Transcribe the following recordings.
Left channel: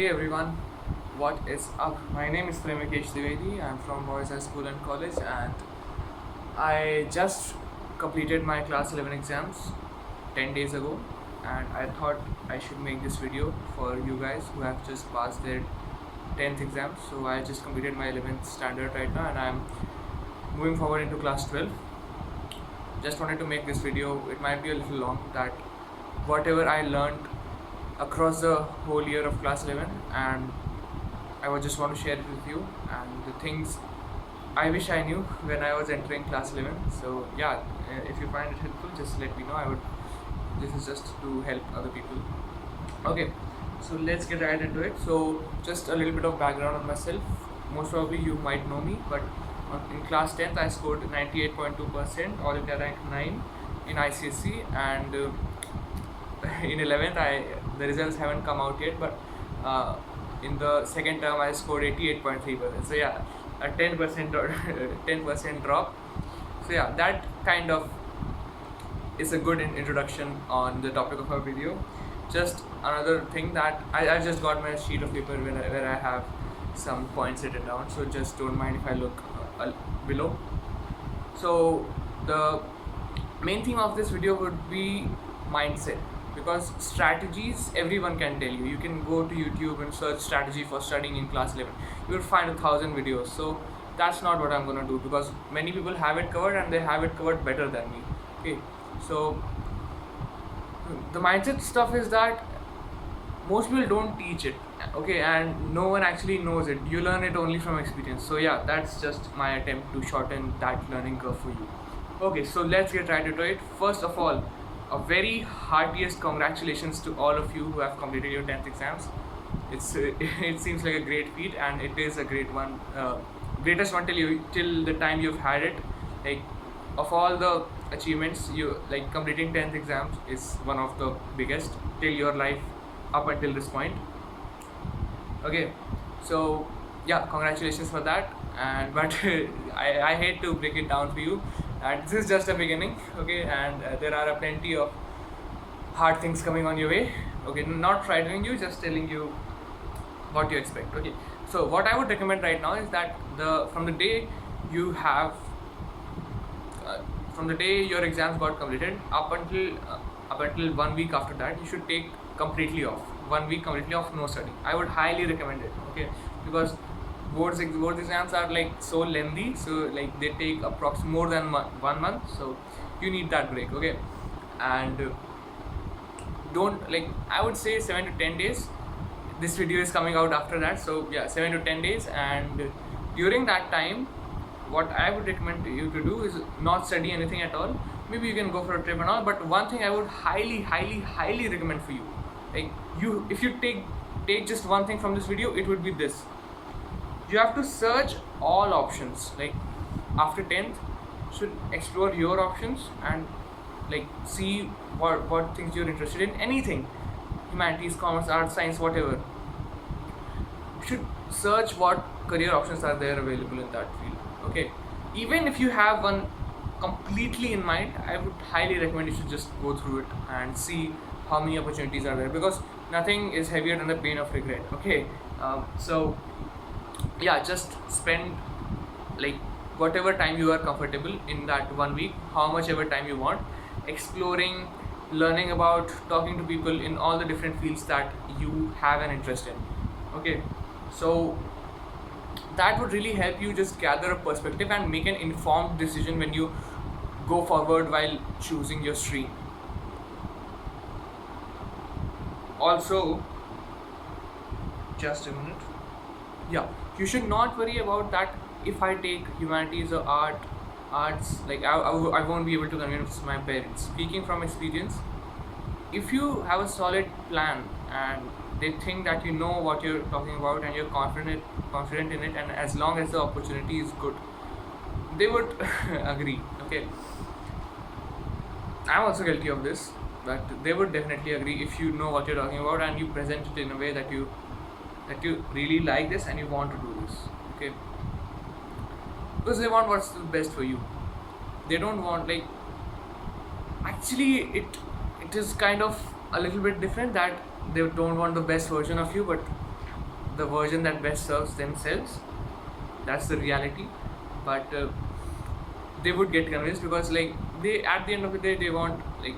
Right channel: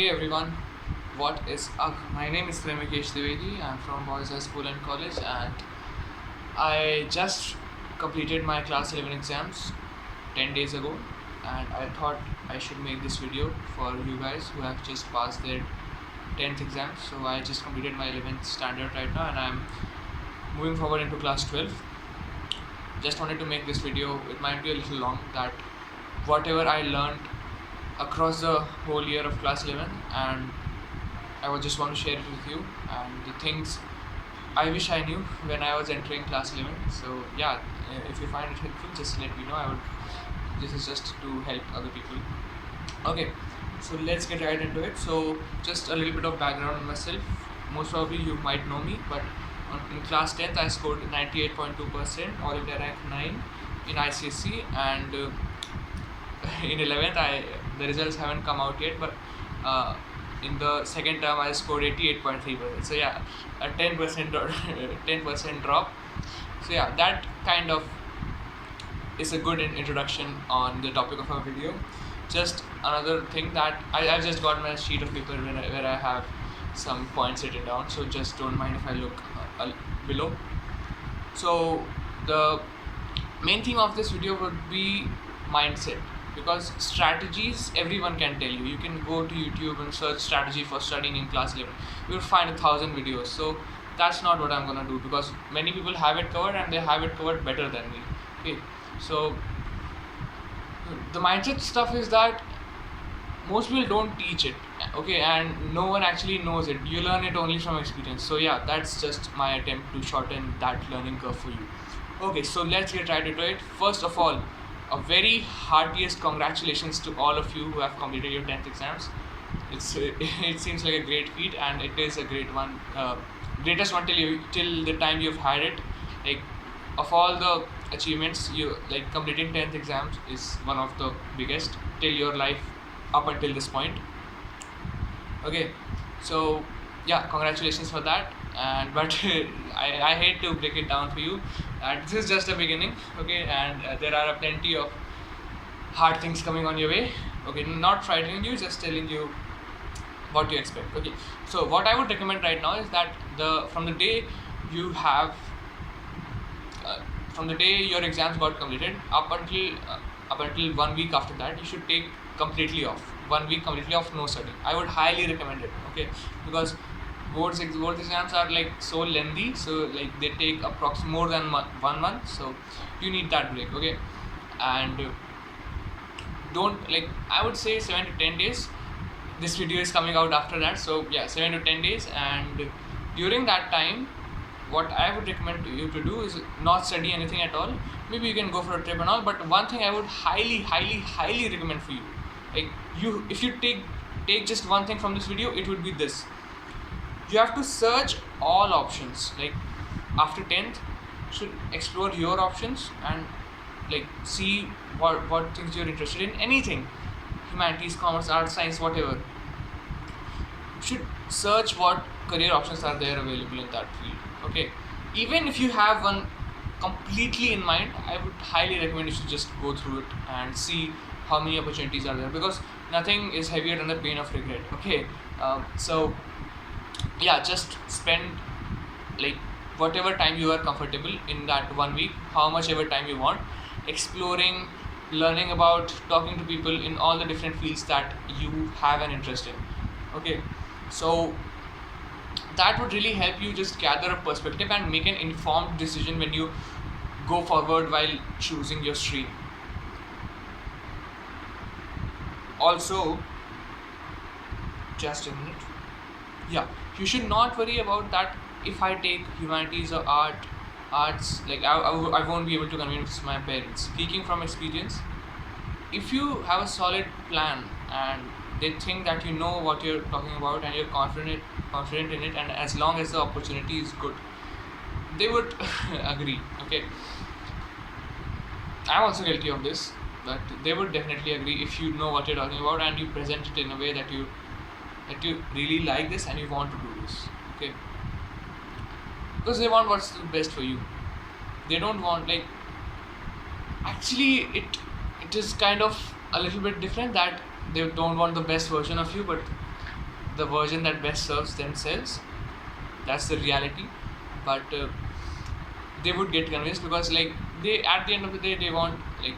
Hey everyone, what is up? My name is Premikesh Dwivedi. I'm from Boys High School and College, and I just completed my class 11 exams 10 days ago. And I thought I should make this video for you guys who have just passed their 10th exams. So I just completed my 11th standard right now, and I'm moving forward into class 12. Just wanted to make this video. It might be a little long, that whatever I learned across the whole year of class 11, and I would just want to share it with you, and the things I wish I knew when I was entering class 11. So yeah, if you find it helpful, just let me know. This is just to help other people. Okay, so let's get right into it. So just a little bit of background on myself. Most probably you might know me, but in class 10th I scored 98.2%, all India rank 9 in ICSE, and in 11th the results haven't come out yet, but in the second term I scored 88.3%. So yeah, a 10% 10% drop. So yeah, that kind of is a good introduction on the topic of our video. Just another thing, that I've just got my sheet of paper where I have some points written down, so just don't mind if I look below. So the main theme of this video would be mindset, because strategies everyone can tell you. You can go to YouTube and search strategy for studying in class 11. You will find 1,000 videos. So that's not what I'm gonna do, because many people have it covered, and they have it covered better than me. Okay, so the mindset stuff is that most people don't teach it, okay, and no one actually knows it. You learn it only from experience. So yeah, that's just my attempt to shorten that learning curve for you. Okay, so let's get right into it. First of all, a very heartiest congratulations to all of you who have completed your 10th exams. It seems like a great feat, and it is a great one, greatest one till the time you've had it. Like, of all the achievements, you like completing 10th exams is one of the biggest till your life up until this point. Okay, so yeah, congratulations for that. And but I hate to break it down for you, this is just the beginning. Okay, and there are plenty of hard things coming on your way. Okay, not frightening you, just telling you what you expect. Okay, so what I would recommend right now is that from the day you have from the day your exams got completed up until 1 week after that, you should take completely off. 1 week completely off, no study. I would highly recommend it. Okay, because board exams are like so lengthy, so like they take approximately more than 1 month, so you need that break. Okay, and don't, like, I would say 7 to 10 days. This video is coming out after that, so yeah, 7 to 10 days. And during that time, what I would recommend you to do is not study anything at all. Maybe you can go for a trip and all, but one thing I would highly recommend for you, like, if you take just one thing from this video, it would be this: you have to search all options. Like, after 10th, should explore your options and like see what things you're interested in. Anything, humanities, commerce, arts, science, whatever. You should search what career options are there available in that field. Okay, even if you have one completely in mind, I would highly recommend you should just go through it and see how many opportunities are there, because nothing is heavier than the pain of regret. Okay, so yeah, just spend like whatever time you are comfortable in that 1 week, how much ever time you want, exploring, learning about, talking to people in all the different fields that you have an interest in. Okay, so that would really help you just gather a perspective and make an informed decision when you go forward while choosing your stream. Also, just a minute. Yeah, you should not worry about that. If I take humanities or arts, like I won't be able to convince my parents. Speaking from experience, if you have a solid plan and they think that you know what you're talking about and you're confident in it, and as long as the opportunity is good, they would agree. Okay, I'm also guilty of this, but they would definitely agree if you know what you're talking about and you present it in a way that you really like this and you want to do this. Okay, because they want what's the best for you. They don't want, like, actually it is kind of a little bit different, that they don't want the best version of you, but the version that best serves themselves. That's the reality. But they would get convinced because like they, at the end of the day, they want like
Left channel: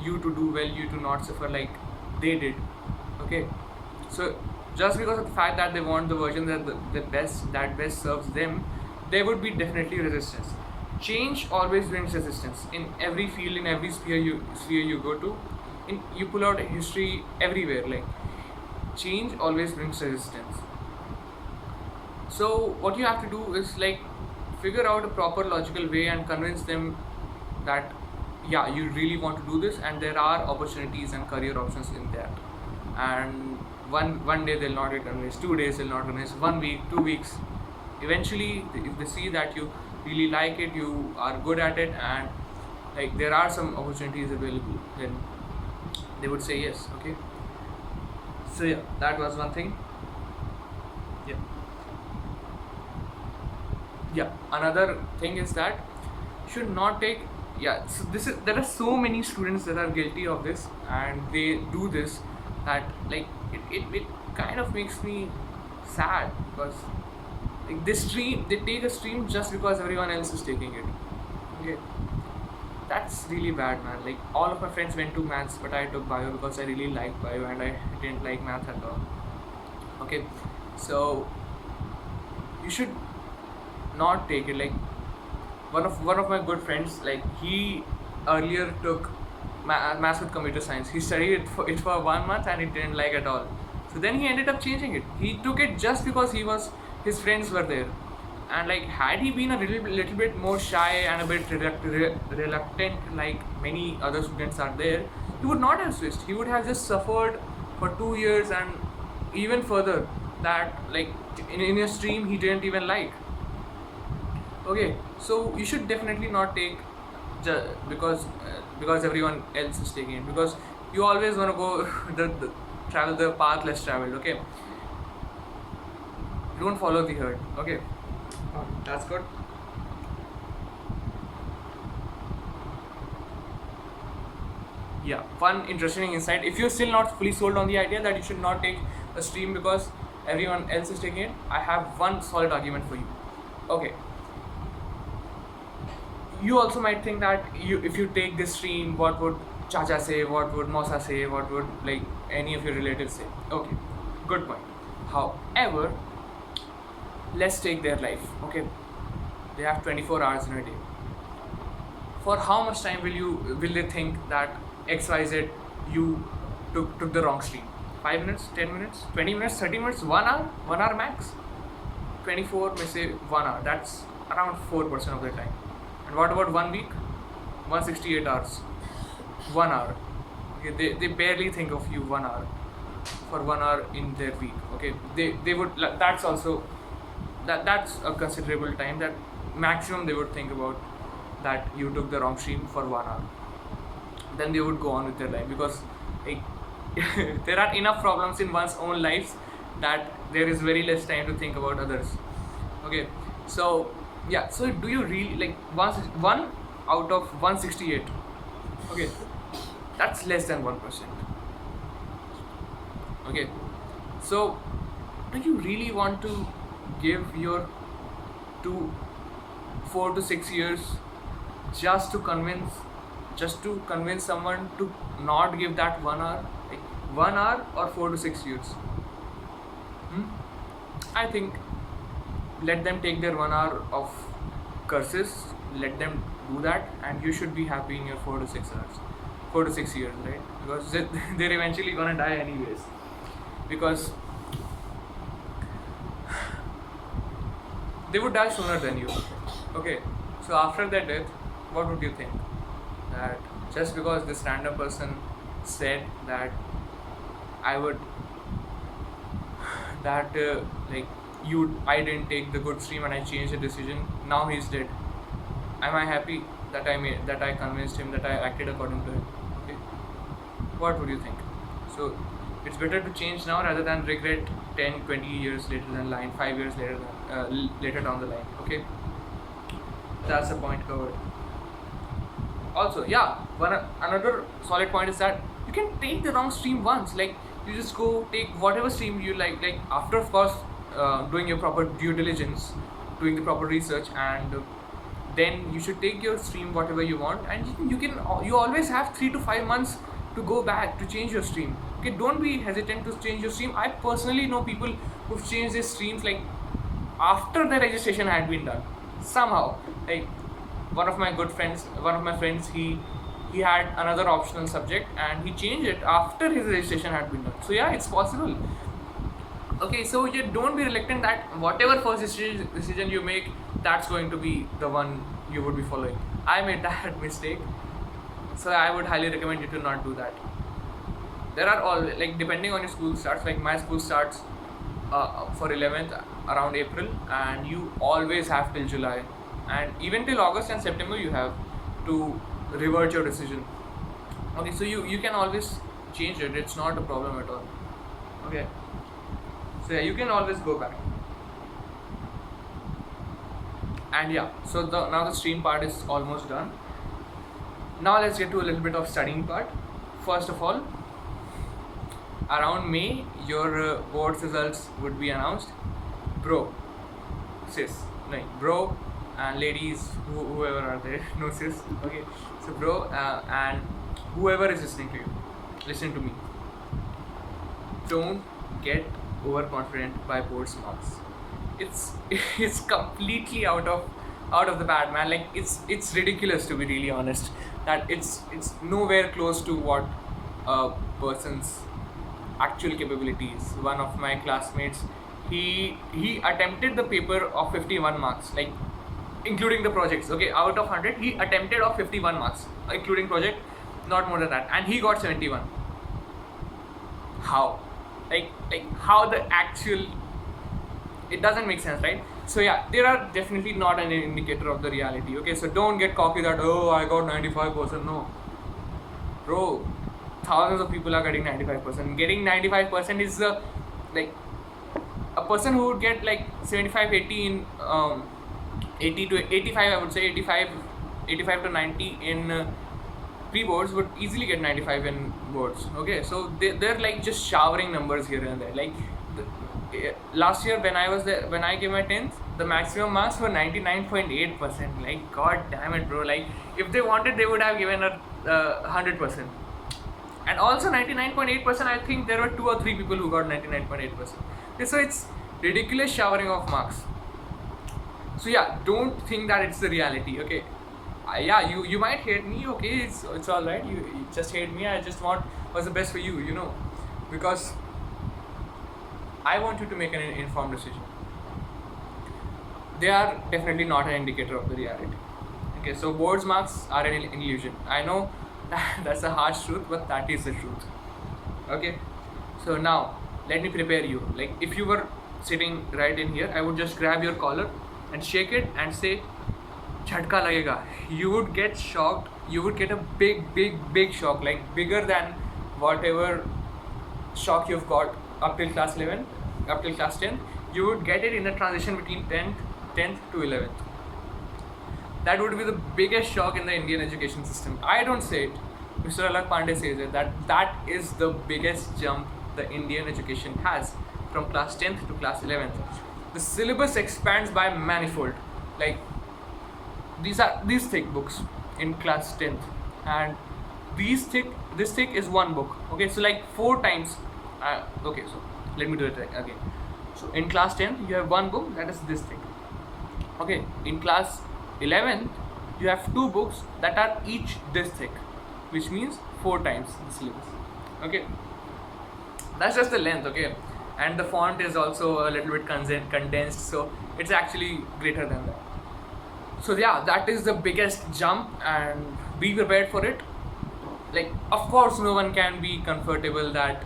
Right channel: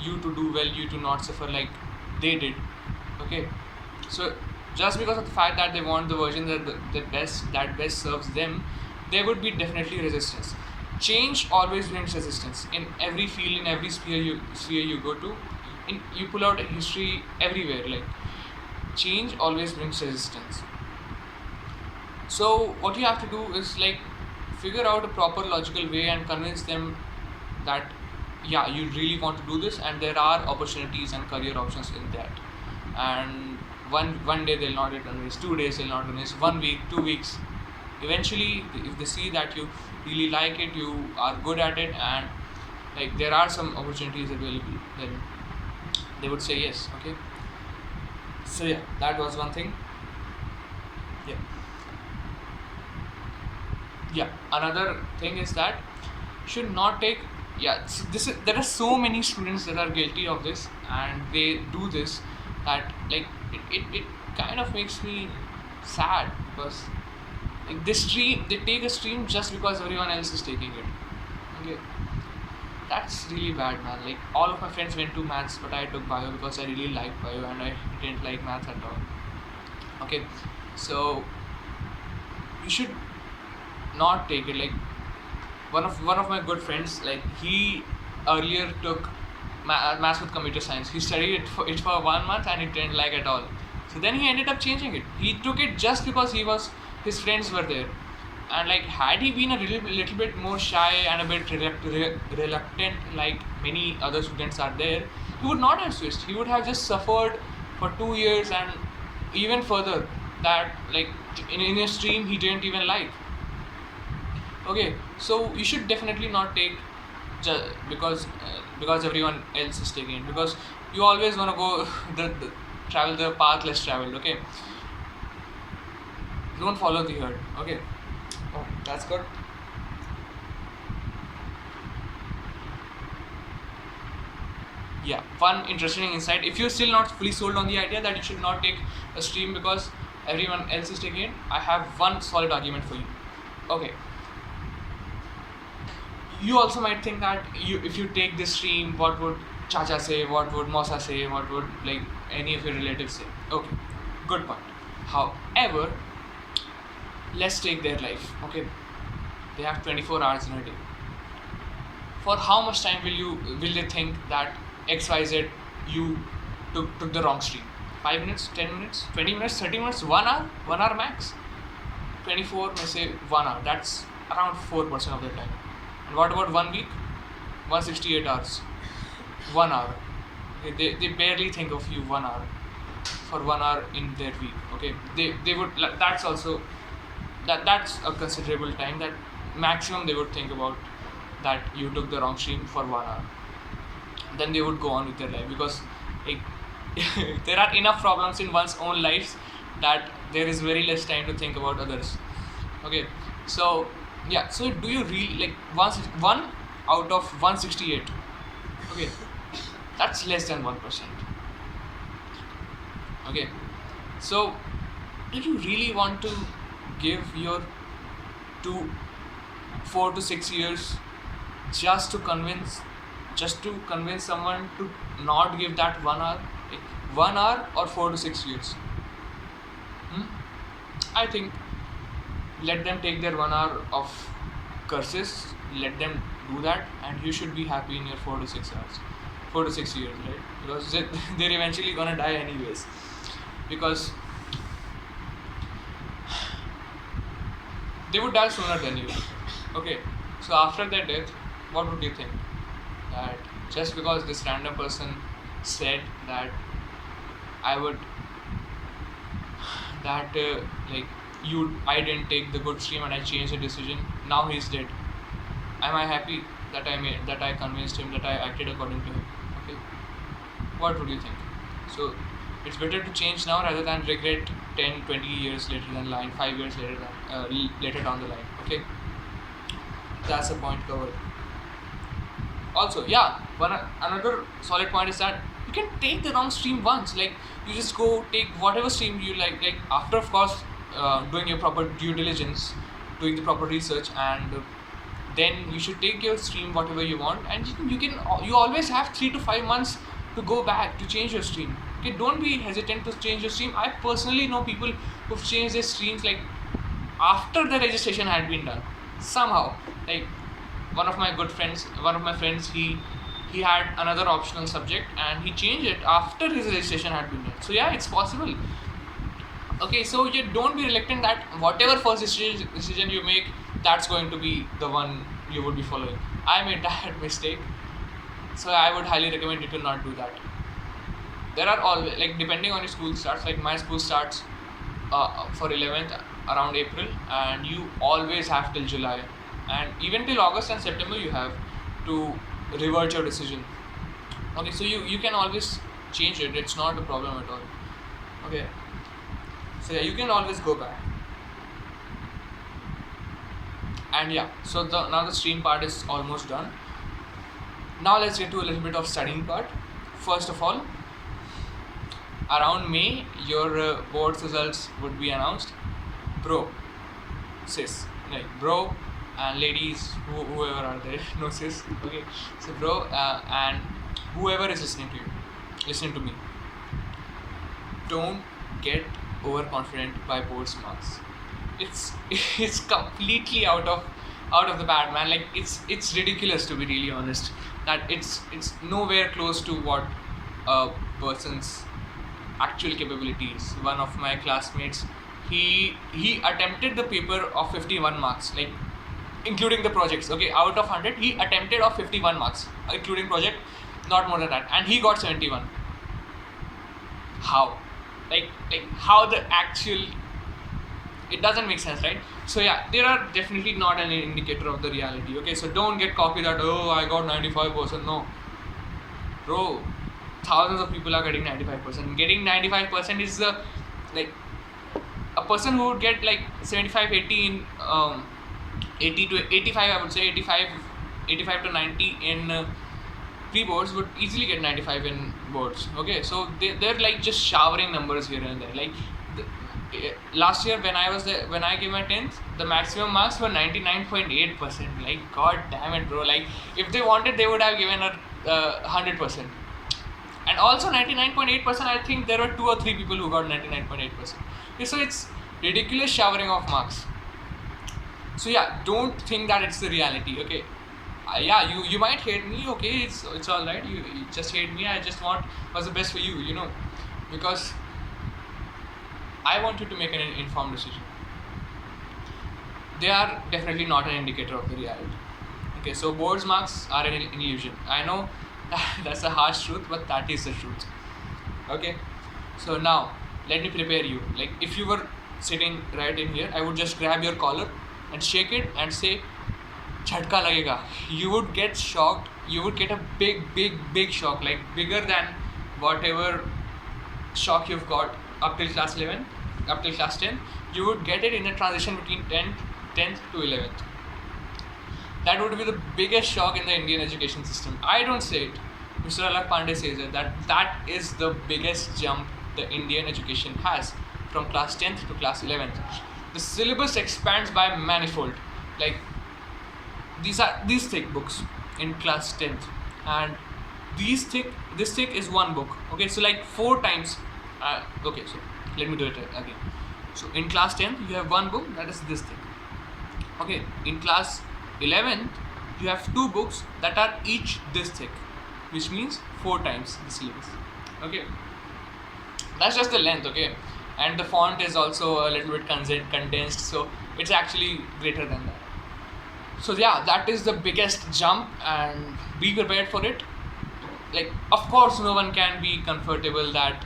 you to do well, you to not suffer like they did. Okay, so just because of the fact that they want the version that best serves them, there would be definitely resistance. Change always brings resistance in every field, in every sphere you go to. In you pull out history everywhere, like change always brings resistance. So what you have to do is like figure out a proper logical way and convince them that yeah, you really want to do this and there are opportunities and career options in that. And one day they'll not get convinced, 2 days they'll not convinced, 1 week, 2 weeks. Eventually, if they see that you really like it, you are good at it, and like there are some opportunities available, then they would say yes. Okay. So yeah, that was one thing. Yeah. Yeah, another thing is that should not take, yeah, so this is, there are so many students that are guilty of this and they do this, that like it kind of makes me sad because like they take a stream just because everyone else is taking it. Okay, that's really bad, man. Like all of my friends went to maths, but I took bio because I really liked bio and I didn't like math at all. Okay, so you should not take it. Like one of my good friends, like he earlier took maths with computer science. He studied it for 1 month and he didn't like at all. So then he ended up changing it. He took it just because his friends were there. And like had he been a little bit more shy and a bit reluctant, like many other students are there, he would not have switched. He would have just suffered for 2 years and even further, that like in a stream he didn't even like. Okay, so you should definitely not take because everyone else is taking it, because you always want to go the travel the path less traveled. Okay, don't follow the herd. Okay. Oh, that's good. Yeah, one interesting insight. If you're still not fully sold on the idea that you should not take a stream because everyone else is taking it, I have one solid argument for you. Okay, you also might think that if you take this stream, what would Chacha say, what would Mosa say, what would like any of your relatives say. Okay, good point. However, let's take their life. Okay, they have 24 hours in a day. For how much time will they think that XYZ you took the wrong stream? 5 minutes, 10 minutes, 20 minutes, 30 minutes, 1 hour, 1 hour max. 24 may say 1 hour. That's around 4% of their time. And what about 1 week? 168 hours. 1 hour. Okay, they barely think of you 1 hour for 1 hour in their week. Okay, they would, that's also that's a considerable time, that maximum they would think about that you took the wrong stream for 1 hour. Then they would go on with their life, because like there are enough problems in one's own lives that there is very less time to think about others. Okay, so yeah, so do you really like one out of 168? Okay, that's less than 1%. Okay, so do you really want to give your 4 to 6 years just to convince someone to not give that 1 hour, like 1 hour or 4 to 6 years? I think let them take their 1 hour of curses, let them do that, and you should be happy in your 4 to 6 hours, 4 to 6 years, right? Because they're eventually gonna die anyways, because they would die sooner than you. Okay, so after their death, what would you think? That just because this random person said that I would, that I didn't take the good stream and I changed the decision, now he's dead. Am I happy that I convinced him, that I acted according to him? Okay, what would you think? So it's better to change now rather than regret 10, 20 years later than line, 5 years later than later down the line. Okay, that's a point covered. Also, yeah, another solid point is that you can take the wrong stream once. Like, you just go take whatever stream you like after, of course, doing your proper due diligence, doing the proper research, and then you should take your stream whatever you want, and you always have 3 to 5 months to go back to change your stream. Okay, don't be hesitant to change your stream. I personally know people who've changed their streams like after the registration had been done somehow. Like, one of my friends, he had another optional subject and he changed it after his registration had been done. So yeah, it's possible. Okay, so you don't be reluctant that whatever first decision you make, that's going to be the one you would be following. I made that mistake, so I would highly recommend you to not do that. There are all, like, depending on your school starts, like my school starts for 11th around April, and you always have till July, and even till August and September you have to revert your decision. Okay, so you can always change it, it's not a problem at all. Okay, so yeah, you can always go back. And yeah, so now the stream part is almost done. Now let's get to a little bit of studying part. First of all, around May your board's results would be announced. Bro, sis, like bro and ladies, whoever are there, no sis. Okay, so bro and whoever is listening to me, don't get overconfident by board's marks. It's it's completely out of the bad, man. Like, it's ridiculous, to be really honest, that it's nowhere close to what a person's actual capabilities. One of my classmates, he attempted the paper of 51 marks, like including the projects. Okay, out of 100 he attempted of 51 marks including project, not more than that, and he got 71. How? Like how the actual, it doesn't make sense, right? So yeah, they are definitely not an indicator of the reality. Okay, so don't get cocky that, oh, I got 95%. No, bro, thousands of people are getting 95%. Getting 95% is the, like, a person who would get like 75, 80 in 80 to 85, I would say 85 to 90 in pre-boards would easily get 95 in boards. Okay, so they're like just showering numbers here and there. Like, last year when I gave my 10th, the maximum marks were 99.8%. Like, god damn it, bro. Like, if they wanted, they would have given her 100%. And also 99.8%, I think there were 2 or 3 people who got 99.8%. Okay, so it's ridiculous showering of marks. So yeah, don't think that it's the reality. Okay, yeah, you might hate me. Okay, it's all right. You just hate me. I just want what's the best for you, because I want you to make an informed decision. They are definitely not an indicator of the reality. Okay, so boards marks are an illusion. I know that's a harsh truth, but that is the truth. Okay, so now let me prepare you. Like, if you were sitting right in here, I would just grab your collar and shake it and say, "Jhatka lagega." You would get shocked. You would get a big shock, like bigger than whatever shock you've got up till class 11, up till class 10. You would get it in a transition between 10th to 11th. That would be the biggest shock in the Indian education system. I don't say it. Mr. Alak Pandey says it. That is the biggest jump the Indian education has from class 10th to class 11th. The syllabus expands by manifold. Like, these thick books in class 10th, and this thick is one book. Okay, so like 4 times. Okay, so let me do it again. So in class 10th, you have one book that is this thick. Okay, in class 11th, you have 2 books that are each this thick, which means 4 times the syllabus. Okay, that's just the length. Okay, and the font is also a little bit condensed, so it's actually greater than that. So yeah, that is the biggest jump, and be prepared for it. Like, of course, no one can be comfortable that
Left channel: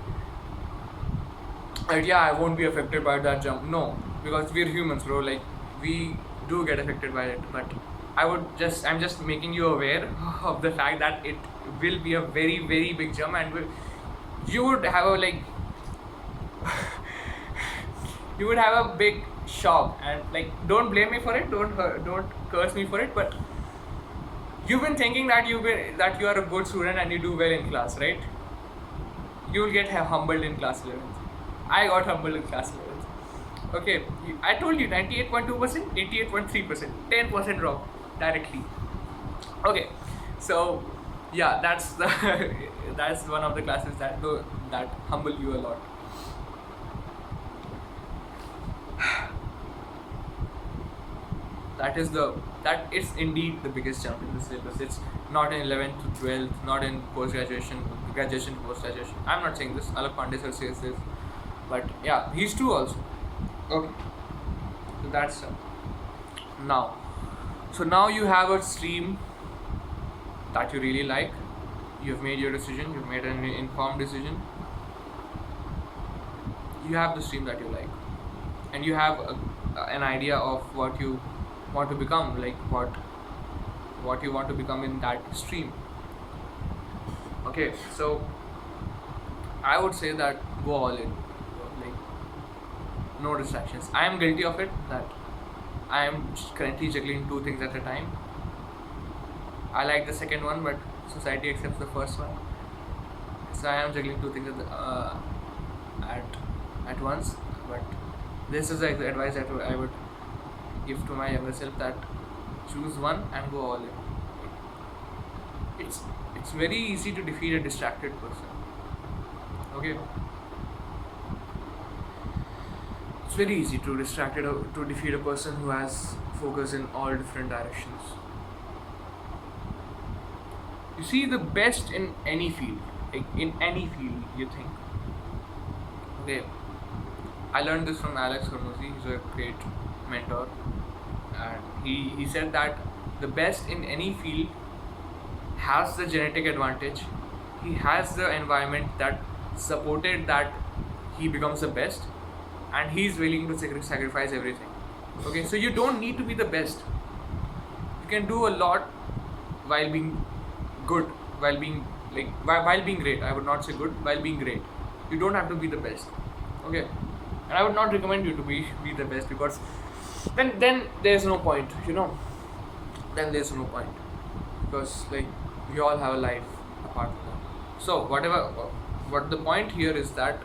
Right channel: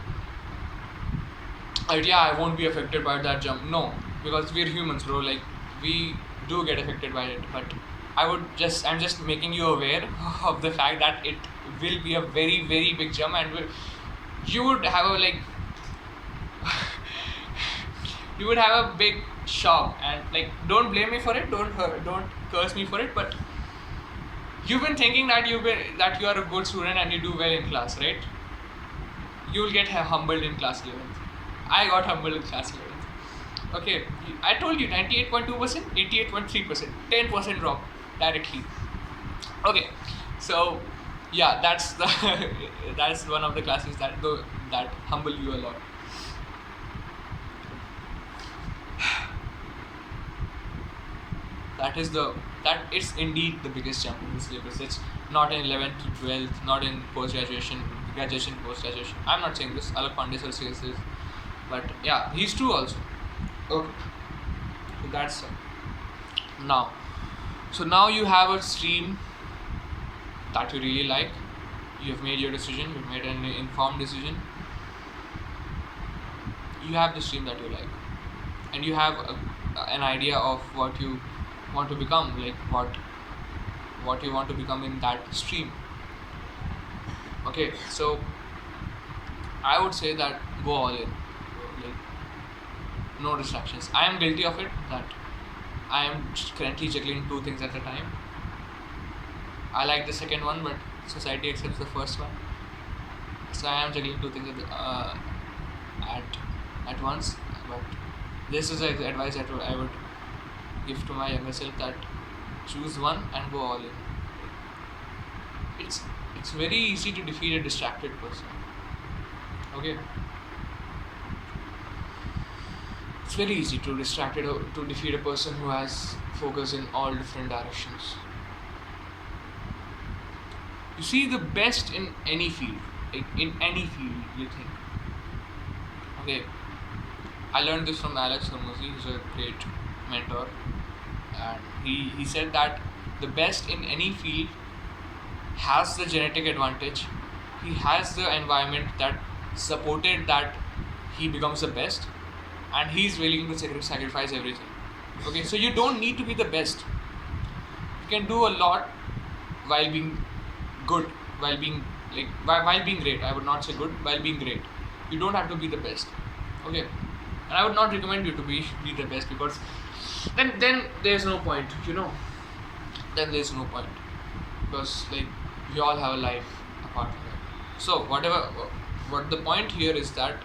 yeah, I won't be affected by that jump. No, because we're humans, bro. Like, we do get affected by it, but I'm just making you aware of the fact that it will be a very, very big jump, and you would have a, like, you would have a big shock. And like, don't blame me for it, don't curse me for it, but you've been thinking that you are a good student and you do well in class, right? you will get humbled in class 11th. I got humbled in class 11th. Okay, I told you 98.2%, 88.3%, 10% drop directly. Okay, so yeah, that's the that's one of the classes that humble you a lot. That is indeed the biggest jump in the syllabus. It's not in 11th to 12th, not in post graduation, post graduation. I'm not saying this. Alok Pandey sir says this, but yeah, he's true also. Okay, so that's now. So now you have a stream that you really like. You have made your decision. You've made an informed decision. You have the stream that you like, and you have an idea of what you want to become, like what you want to become in that stream. Okay, so I would say that go all in, like no distractions. I am guilty of it, that I am currently juggling two things at a time. I like the second one, but society accepts the first one, so I am juggling two things at once. But this is the advice that I would give to my younger self, that choose one and go all in. It's very easy to defeat a distracted person. Okay, it's very easy to defeat a person who has focus in all different directions. You see, the best in any field, like in any field you think. Okay, I learned this from Alex Hormozi. He's a great mentor, and he said that the best in any field has the genetic advantage. He has the environment that supported that he becomes the best, and he's willing to sacrifice everything. Okay, so you don't need to be the best. You can do a lot while being good, while being great. I would not say good, while being great. You don't have to be the best. Okay, and I would not recommend you to be the best, because then there's no point, then there's no point, because like we all have a life apart from that. So what the point here is that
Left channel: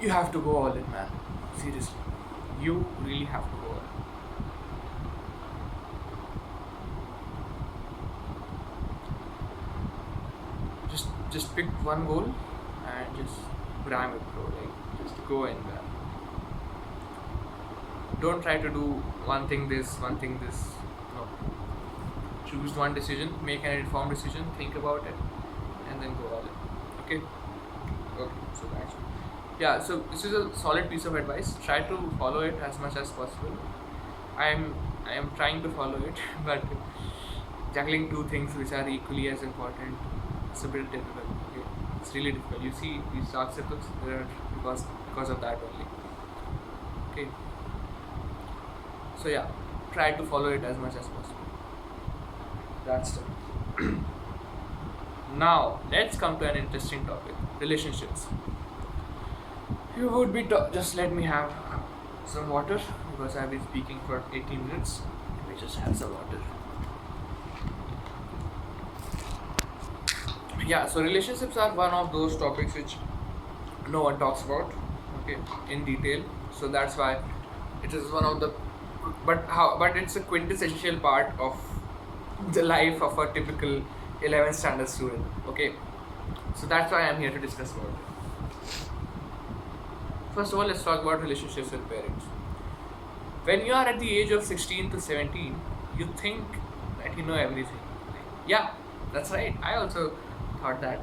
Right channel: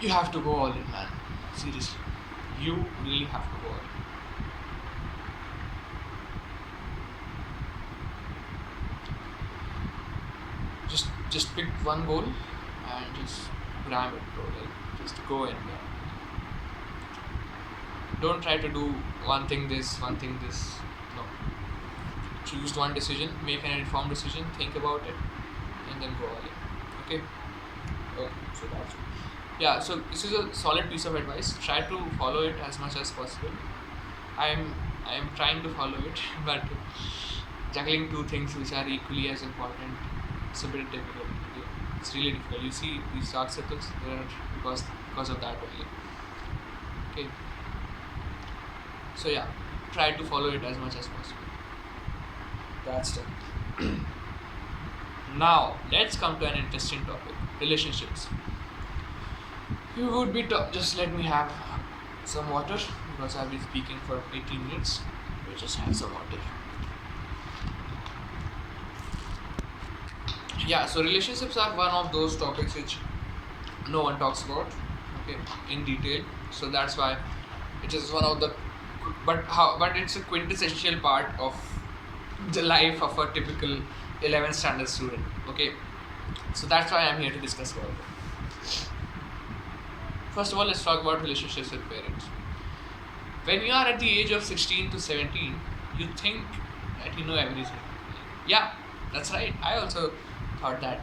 you have to go all in, man. Seriously, you really have to go all in. Just pick one goal and just ram it, bro. Like, just go in there. Don't try to do one thing this. No. Choose one decision, make an informed decision, think about it, and then go all in. Okay. So that's it. Yeah. So this is a solid piece of advice. Try to follow it as much as possible. I am trying to follow it, but juggling two things which are equally as important, it's a bit difficult. Okay? It's really difficult. You see these dark circles, they are because of that only. Okay. So yeah, try to follow it as much as possible. That's it. Now let's come to an interesting topic: relationships. You would be just let me have some water, because I've been speaking for 18 minutes. We just have some water. Yeah, so relationships are one of those topics which no one talks about, okay, in detail. So that's why it is one of the but it's a quintessential part of the life of a typical 11th standard student. Okay, so that's why I'm here to discuss about it. First of all, let's talk about relationships with parents. When you are at the age of 16 to 17, you think that you know everything. Yeah, that's right. I also thought that.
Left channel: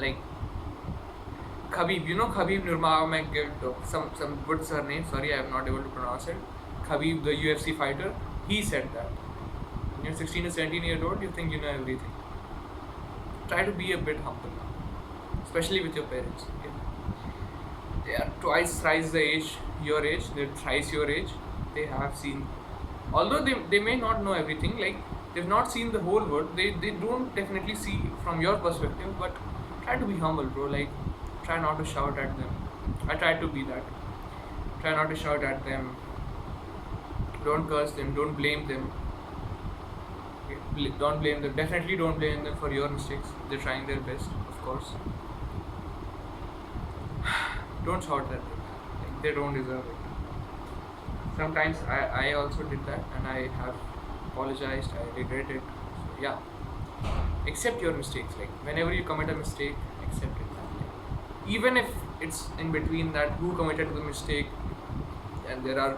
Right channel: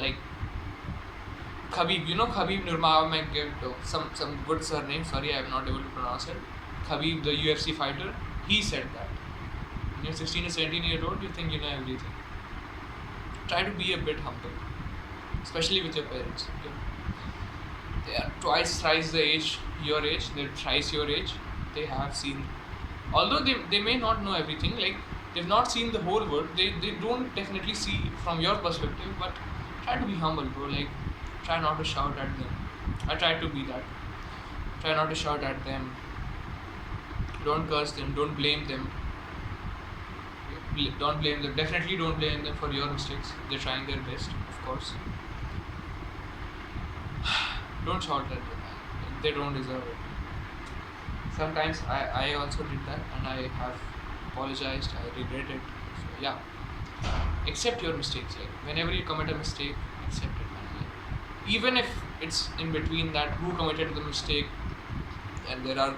Like Khabib, Khabib Nurmagomedov, some good surname. Sorry, I am not able to pronounce it. Khabib, the UFC fighter, he said that when you're 16 or 17 years old, you think you know everything. Try to be a bit humble, especially with your parents. Okay? They are thrice your age. They're thrice your age. They have seen, although they may not know everything. Like, they've not seen the whole world. They don't definitely see from your perspective. But try to be humble, bro. Like, try not to shout at them. I try to be that. Try not to shout at them. Don't curse them. Don't blame them. Okay? Don't blame them. Definitely don't blame them for your mistakes. They're trying their best, of course. Don't shout at them. Like, they don't deserve it. Sometimes I also did that and I have apologized. I regret it. So yeah, accept your mistakes. Like whenever you commit a mistake, accept it, man. Like, even if it's in between that who committed the mistake, and there are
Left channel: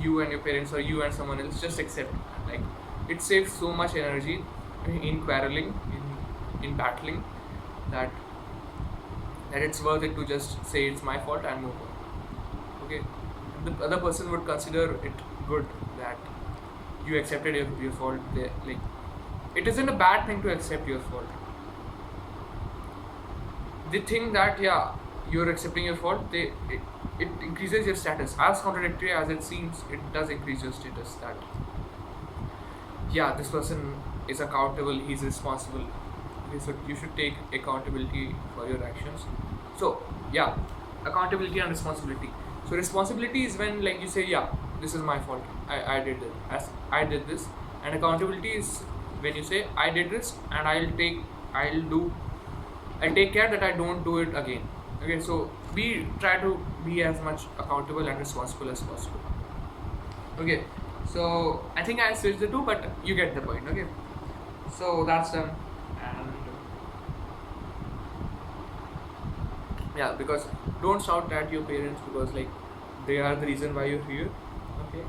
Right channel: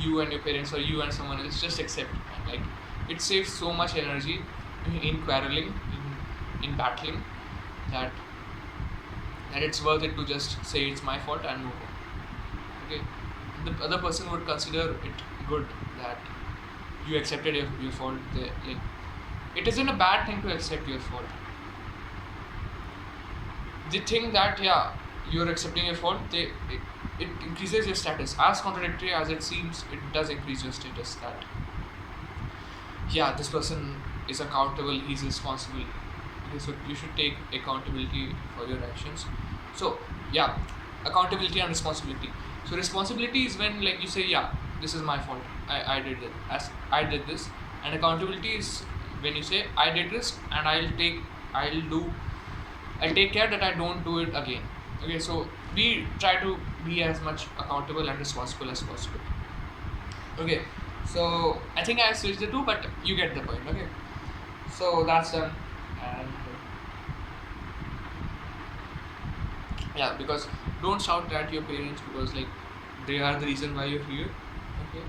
you and your parents or you and someone else, just accept. Like it saves so much energy in quarreling, in battling, that it's worth it to just say it's my fault and move on. Okay, the other person would consider it good that you accepted your fault. Like it isn't a bad thing to accept your fault. They think that yeah, you're accepting your fault, it increases your status. As contradictory as it seems, it does increase your status, that yeah, this person is accountable, he's responsible. Okay, so you should take accountability for your actions. So yeah, accountability and responsibility. So responsibility is when like you say yeah, this is my fault, I did it, as I did this. And accountability is when you say I did this and I'll take care that I don't do it again. Okay, so we try to be as much accountable and responsible as possible. Okay, so I think I switched the two, but you get the point. Okay, so that's done. And yeah, because don't shout at your parents, because like they are the reason why you're here. Okay,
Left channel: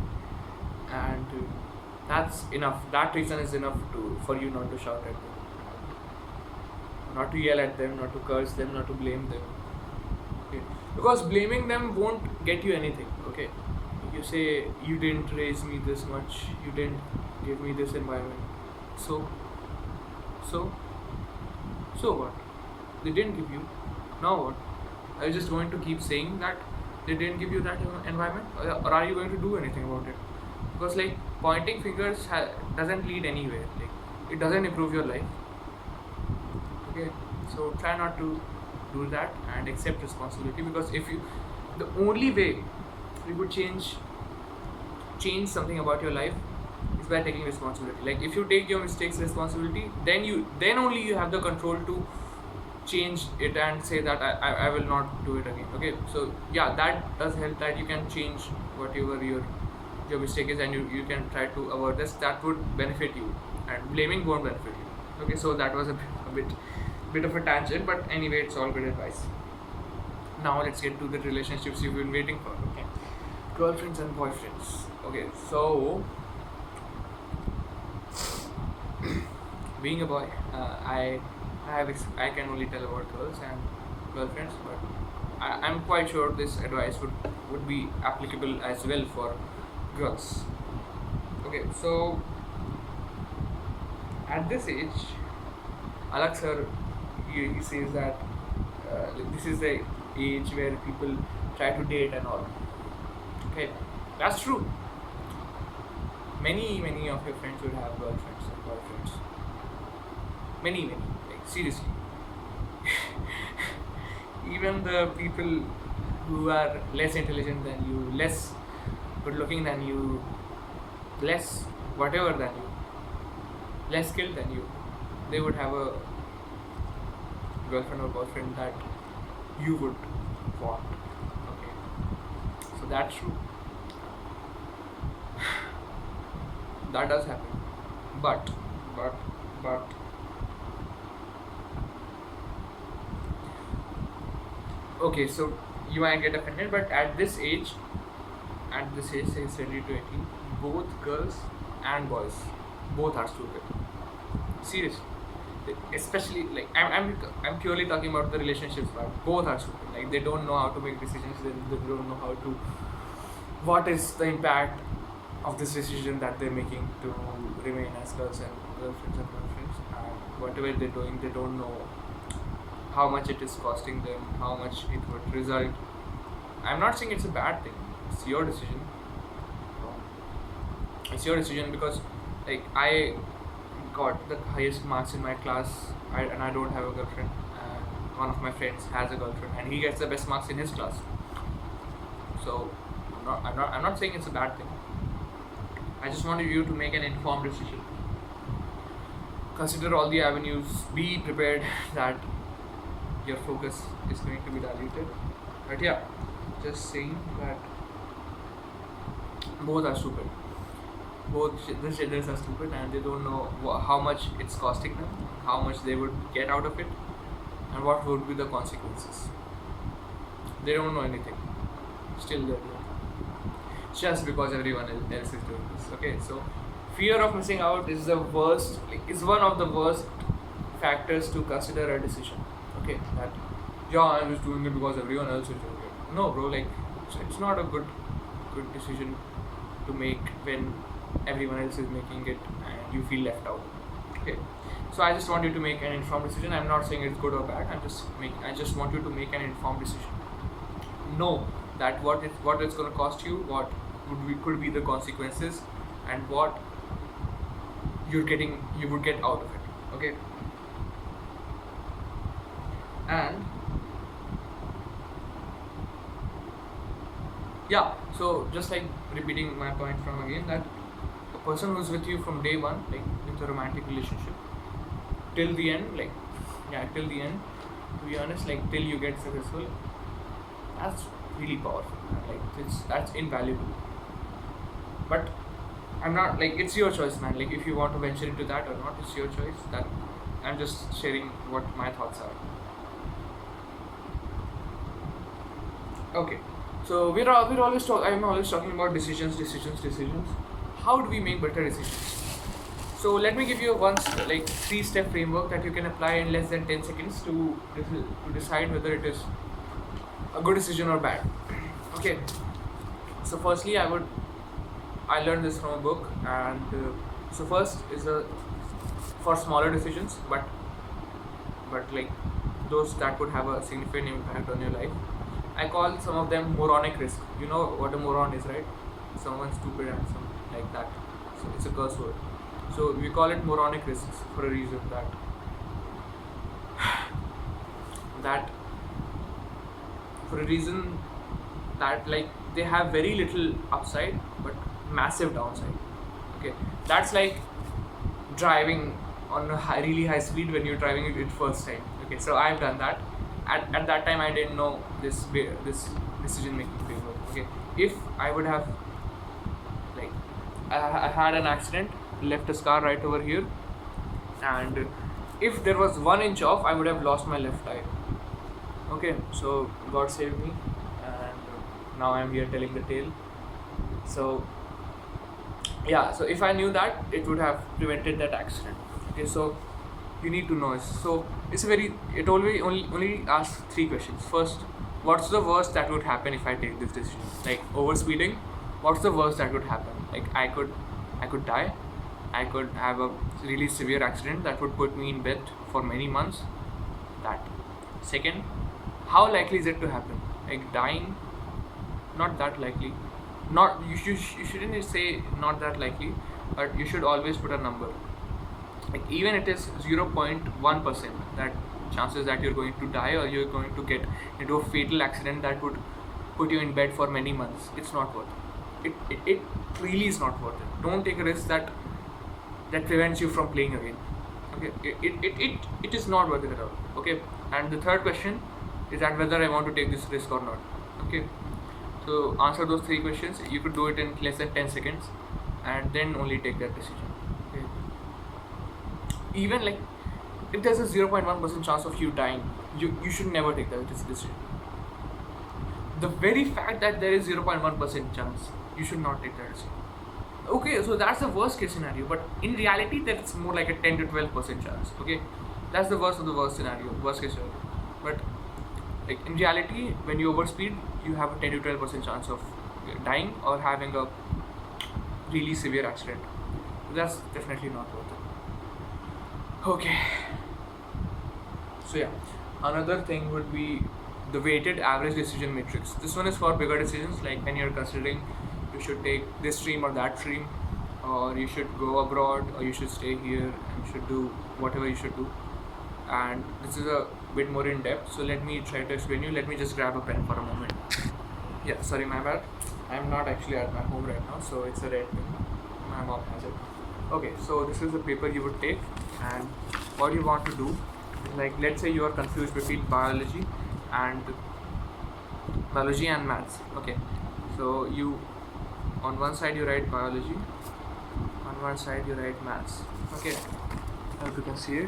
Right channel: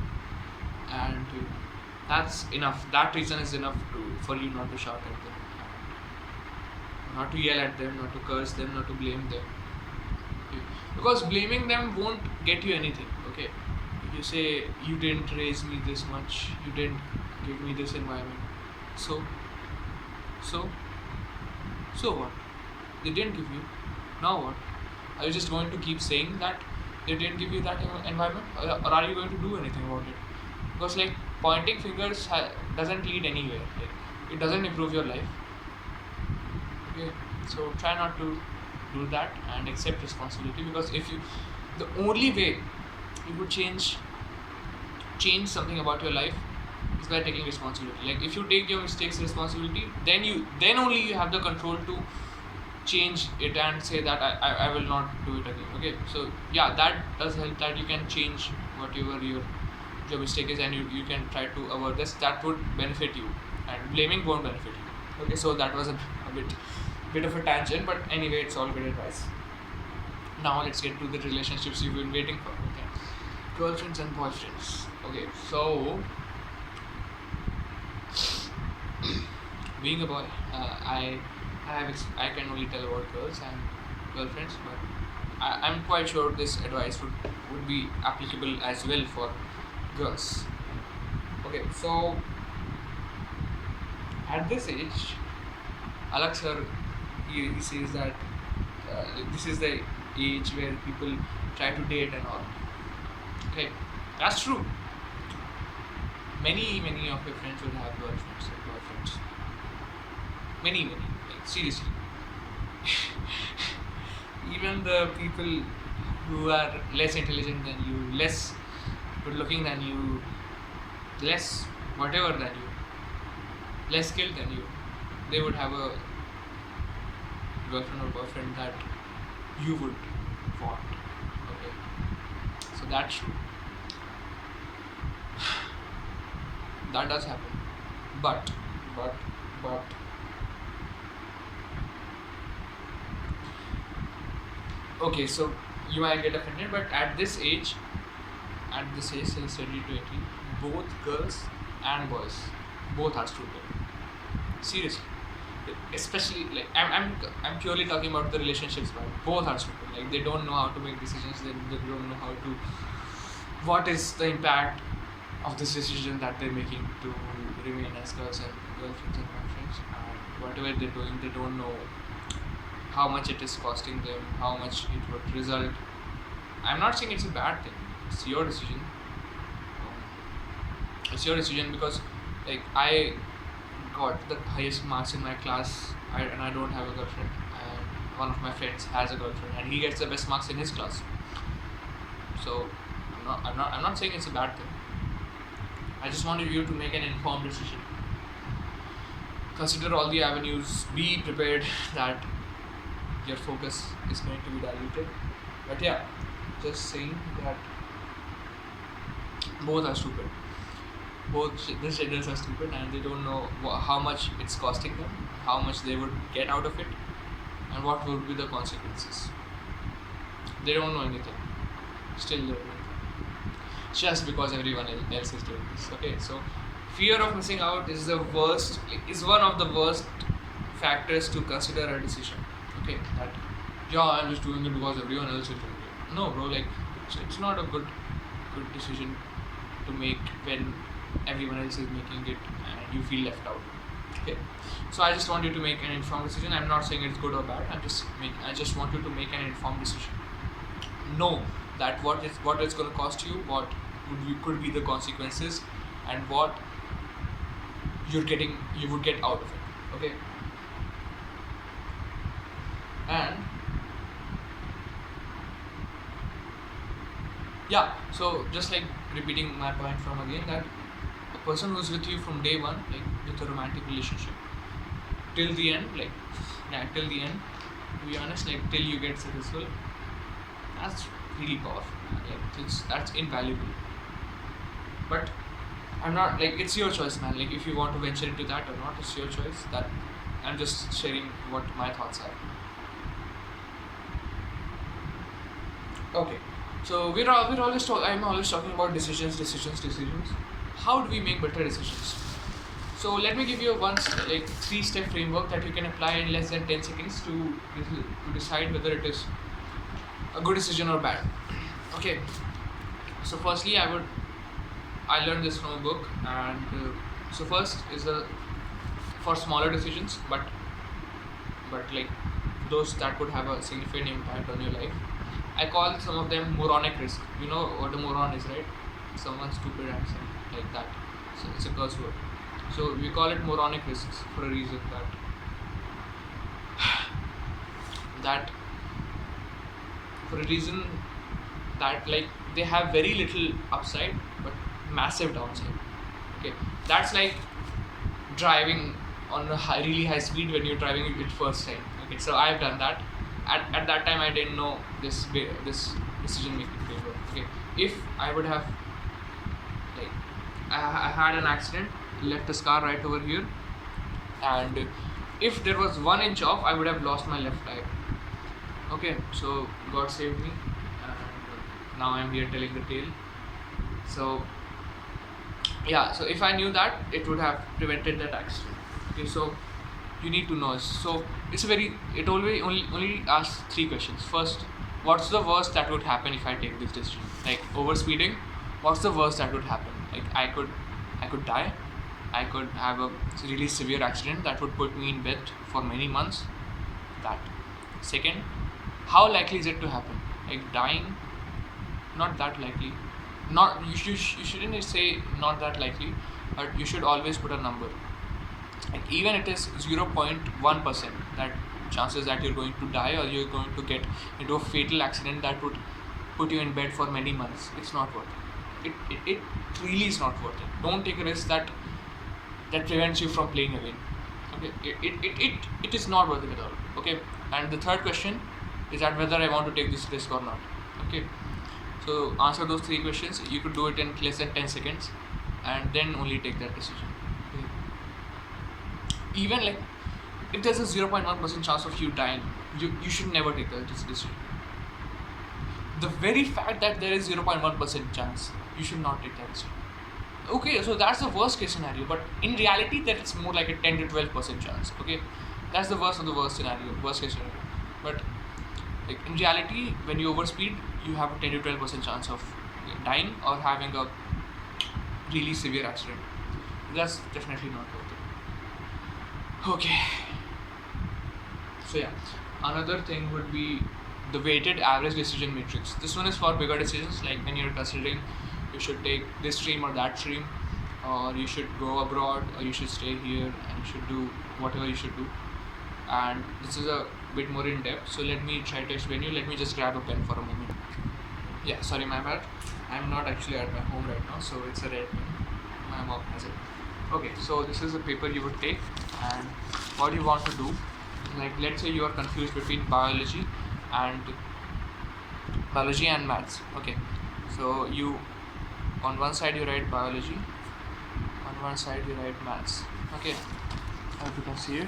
and that's enough. That reason is enough to for you not to shout at them, not to yell at them, not to curse them, not to blame them. Okay, because blaming them won't get you anything. Okay, you say you didn't raise me this much, you didn't give me this environment, so so so what? They didn't give you. Now what? Are you just going to keep saying that they didn't give you that environment, or are you going to do anything about it? Because like pointing fingers doesn't lead anywhere. Like it doesn't improve your life. Okay, so try not to do that and accept responsibility, because if you, the only way you could change something about your life is by taking responsibility. Like if you take your mistakes responsibility, then only you have the control to change it and say that I will not do it again. Okay, so yeah, that does help, that you can change whatever your mistake is, and you can try to avoid this. That would benefit you, and blaming won't benefit you. Okay, so that was a bit of a tangent, but anyway, it's all good advice. Now let's get to the relationships you've been waiting for. Okay, girlfriends and boyfriends. Okay, so being a boy, I can only tell about girls and girlfriends, but I'm quite sure this advice would be applicable as well for girls. Okay, so at this age, Alak sir, he says that this is the age where people try to date and all. Okay, that's true. Many of your friends would have girlfriends and boyfriends. Many, like seriously. Even the people who are less intelligent than you, less good looking than you, less whatever than you, less skilled than you, they would have a girlfriend or boyfriend that you would want. Okay, so that's true. That does happen, but okay, so you might get offended, but at this age, say 20 to 18, both girls and boys, both are stupid. Seriously, especially like I'm purely talking about the relationships part. Both are stupid. Like they don't know how to make decisions. They don't know how to. What is the impact of this decision that they're making to remain as girlfriends and boyfriends, and whatever they're doing, they don't know how much it is costing them, how much it would result. I'm not saying it's a bad thing. It's your decision. It's your decision, because like I got the highest marks in my class, and I don't have a girlfriend, and one of my friends has a girlfriend and he gets the best marks in his class. So I'm not saying it's a bad thing. I just wanted you to make an informed decision. consider all the avenues, be prepared that your focus is going to be diluted. But yeah, just saying that both are stupid. The genders are stupid, and they don't know how much it's costing them, how much they would get out of it, and what would be the consequences. They don't know anything. Still they're doing it. Just because everyone else is doing this. Okay, so fear of missing out is the worst, is one of the worst factors to consider a decision. Okay, that yeah, I'm just doing it because everyone else is doing it. No, bro, like it's not a good decision to make when everyone else is making it and you feel left out. Okay, so I just want you to make an informed decision. I'm not saying it's good or bad. I just want you to make an informed decision. Know that what it's going to cost you, what could be the consequences, and what you would get out of it. Okay, and yeah, so just like repeating my point from again, that a person who's with you from day one, like with a romantic relationship, till the end, like till the end, to be honest, like till you get successful, that's really powerful, man. Like that's invaluable. But I'm not, like, it's your choice, man. Like if you want to venture into that or not, it's your choice. That I'm just sharing what my thoughts are. Okay, so we're always I'm always talking about decisions. How do we make better decisions? So let me give you a like 3-step framework that you can apply in less than 10 seconds to decide whether it is a good decision or bad. Okay, so firstly, I learned this from a book, and so first is for smaller decisions, but like those that would have a significant impact on your life. I call some of them moronic risk. You know what a moron is, right? Someone stupid and some like that. So it's a curse word. So we call it moronic risks for a reason, that like they have very little upside but massive downside. Okay, that's like driving on a really high speed when you're driving it first time. Okay, so I've done that. At that time I didn't know this decision making framework. Okay, if I would have, like, I had an accident, left a scar right over here, and if there was 1 inch off, I would have lost my left eye. Okay, so God saved me, and now I'm here telling the tale. So yeah, so if I knew that, it would have prevented that accident. Okay, so you need to know. So it only asks 3 questions. First, what's the worst that would happen if I take this decision? Like over speeding, what's the worst that would happen? Like I could die, I could have a really severe accident that would put me in bed for many months. That. Second, how likely is it to happen? Like dying, not that likely. Not you shouldn't say not that likely, but you should always put a number. Like even it is 0.1% that chances that you're going to die or you're going to get into a fatal accident that would put you in bed for many months. It's not worth it. It really is not worth it. Don't take a risk that prevents you from playing again. Okay, it is not worth it at all. Okay, and the third question is that whether I want to take this risk or not. Okay, so answer those 3 questions. You could do it in less than 10 seconds, and then only take that decision. Okay, even like if there's a 0.1% chance of you dying, you should never take that decision. The very fact that there is 0.1% chance, you should not take that decision. Okay, so that's the worst case scenario, but in reality that's more like a 10 to 12% chance. Okay, that's the worst of the worst case scenario. But like in reality, when you overspeed, you have a 10 to 12% chance of dying or having a really severe accident. That's definitely not worth it. Okay, so yeah, another thing would be the weighted average decision matrix. This one is for bigger decisions, like when you're considering you should take this stream or that stream, or you should go abroad, or you should stay here, and you should do whatever you should do. And this is a bit more in depth, so let me try to explain you. Let me just grab a pen for a moment. Yeah, sorry, my bad. I'm not actually at my home right now, so it's a red pen. My mom has it. Okay, so this is a paper you would take, and what you want to do is, like, let's say you are confused between and biology and maths. Okay, so you, on one side you write biology, on one side you write maths. Okay, I hope you can see it.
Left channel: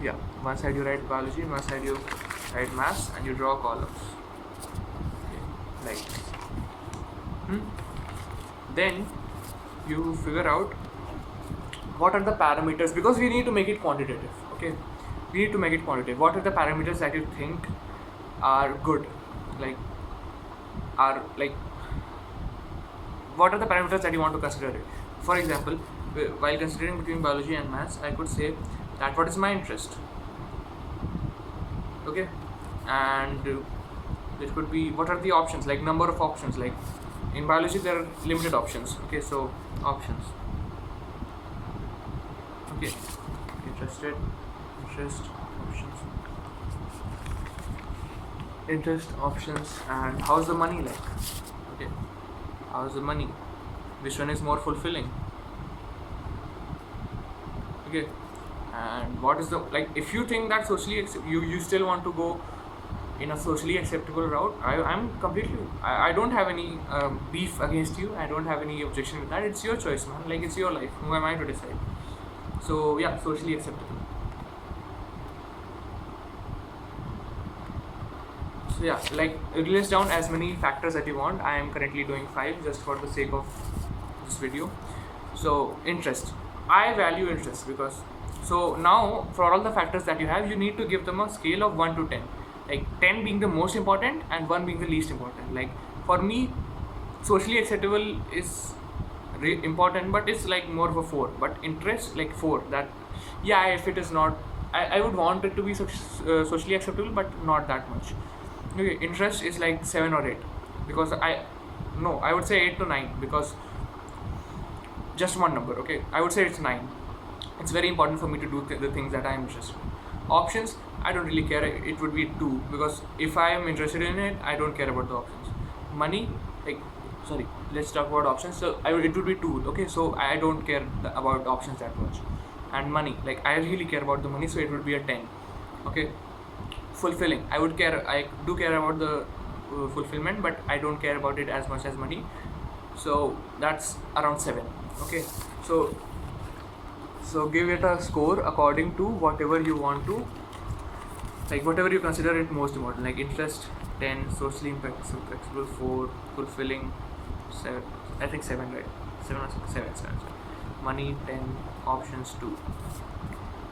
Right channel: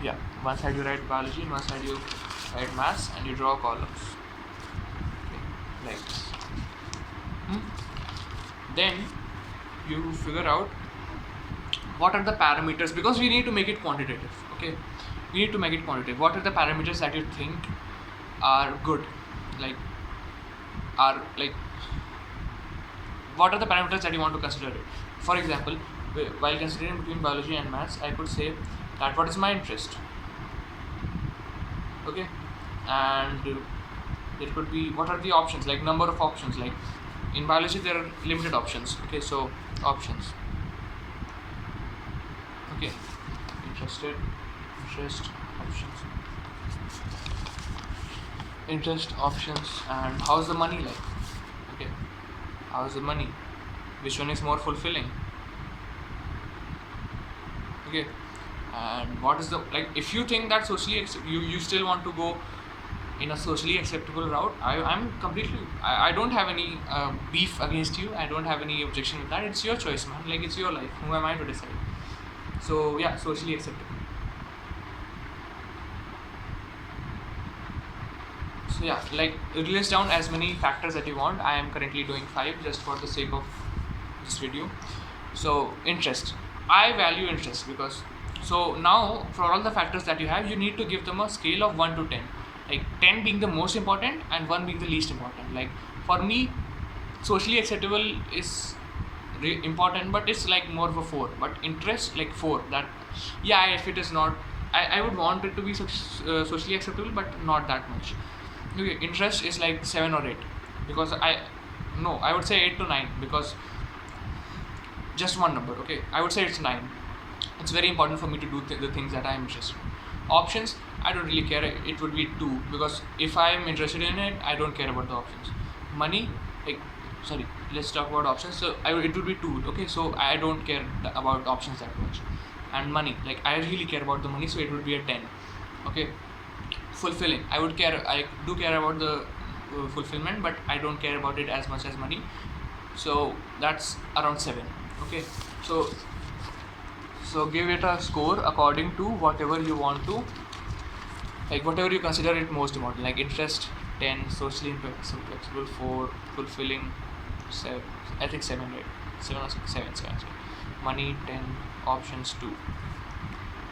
Yeah, one side you write biology and one side you write maths, and you draw columns. Okay, like this. Then you figure out what are the parameters, because we need to make it quantitative. Okay, we need to make it quantitative. What are the parameters that you think are good, like what are the parameters that you want to consider it? For example, while considering between biology and maths, I could say that what is my interest. Okay, and there could be what are the options, like number of options. Like in biology there are limited options. Okay, so options. Okay, interest options, and how's the money like? Okay, how's the money, which one is more fulfilling? Okay, and what is the, like, if you think that you still want to go in a socially acceptable route, I don't have any beef against you. I don't have any objection with that. It's your choice, man. Like, it's your life. Who am I to decide? So yeah, socially acceptable. So yeah, like, list down as many factors that you want. I am currently doing 5 just for the sake of this video. So interest, I value interest, because, so now for all the factors that you have, you need to give them a scale of 1 to 10, like 10 being the most important and 1 being the least important. Like for me, socially acceptable is important, but it's like more of a 4. But interest, like 4, that, yeah, if it is not, I would want it to be socially acceptable, but not that much. Okay, interest is like 7 or 8, because I would say 8 to 9, because just one number. Okay, I would say it's 9. It's very important for me to do the things that I'm interested in. Options, I don't really care. It would be 2, because if I am interested in it, I don't care about the options. Money, like, sorry, let's talk about options. So it would be 2. Okay, so I don't care about options that much. And money, like, I really care about the money, so it would be a 10. Okay, fulfilling, I do care about the fulfillment, but I don't care about it as much as money, so that's around 7. Okay, so give it a score according to whatever you want to, like, whatever you consider it most important. Like interest 10, socially flexible 4, fulfilling 7, I think 7, right? 7 or 7. Money 10, options 2.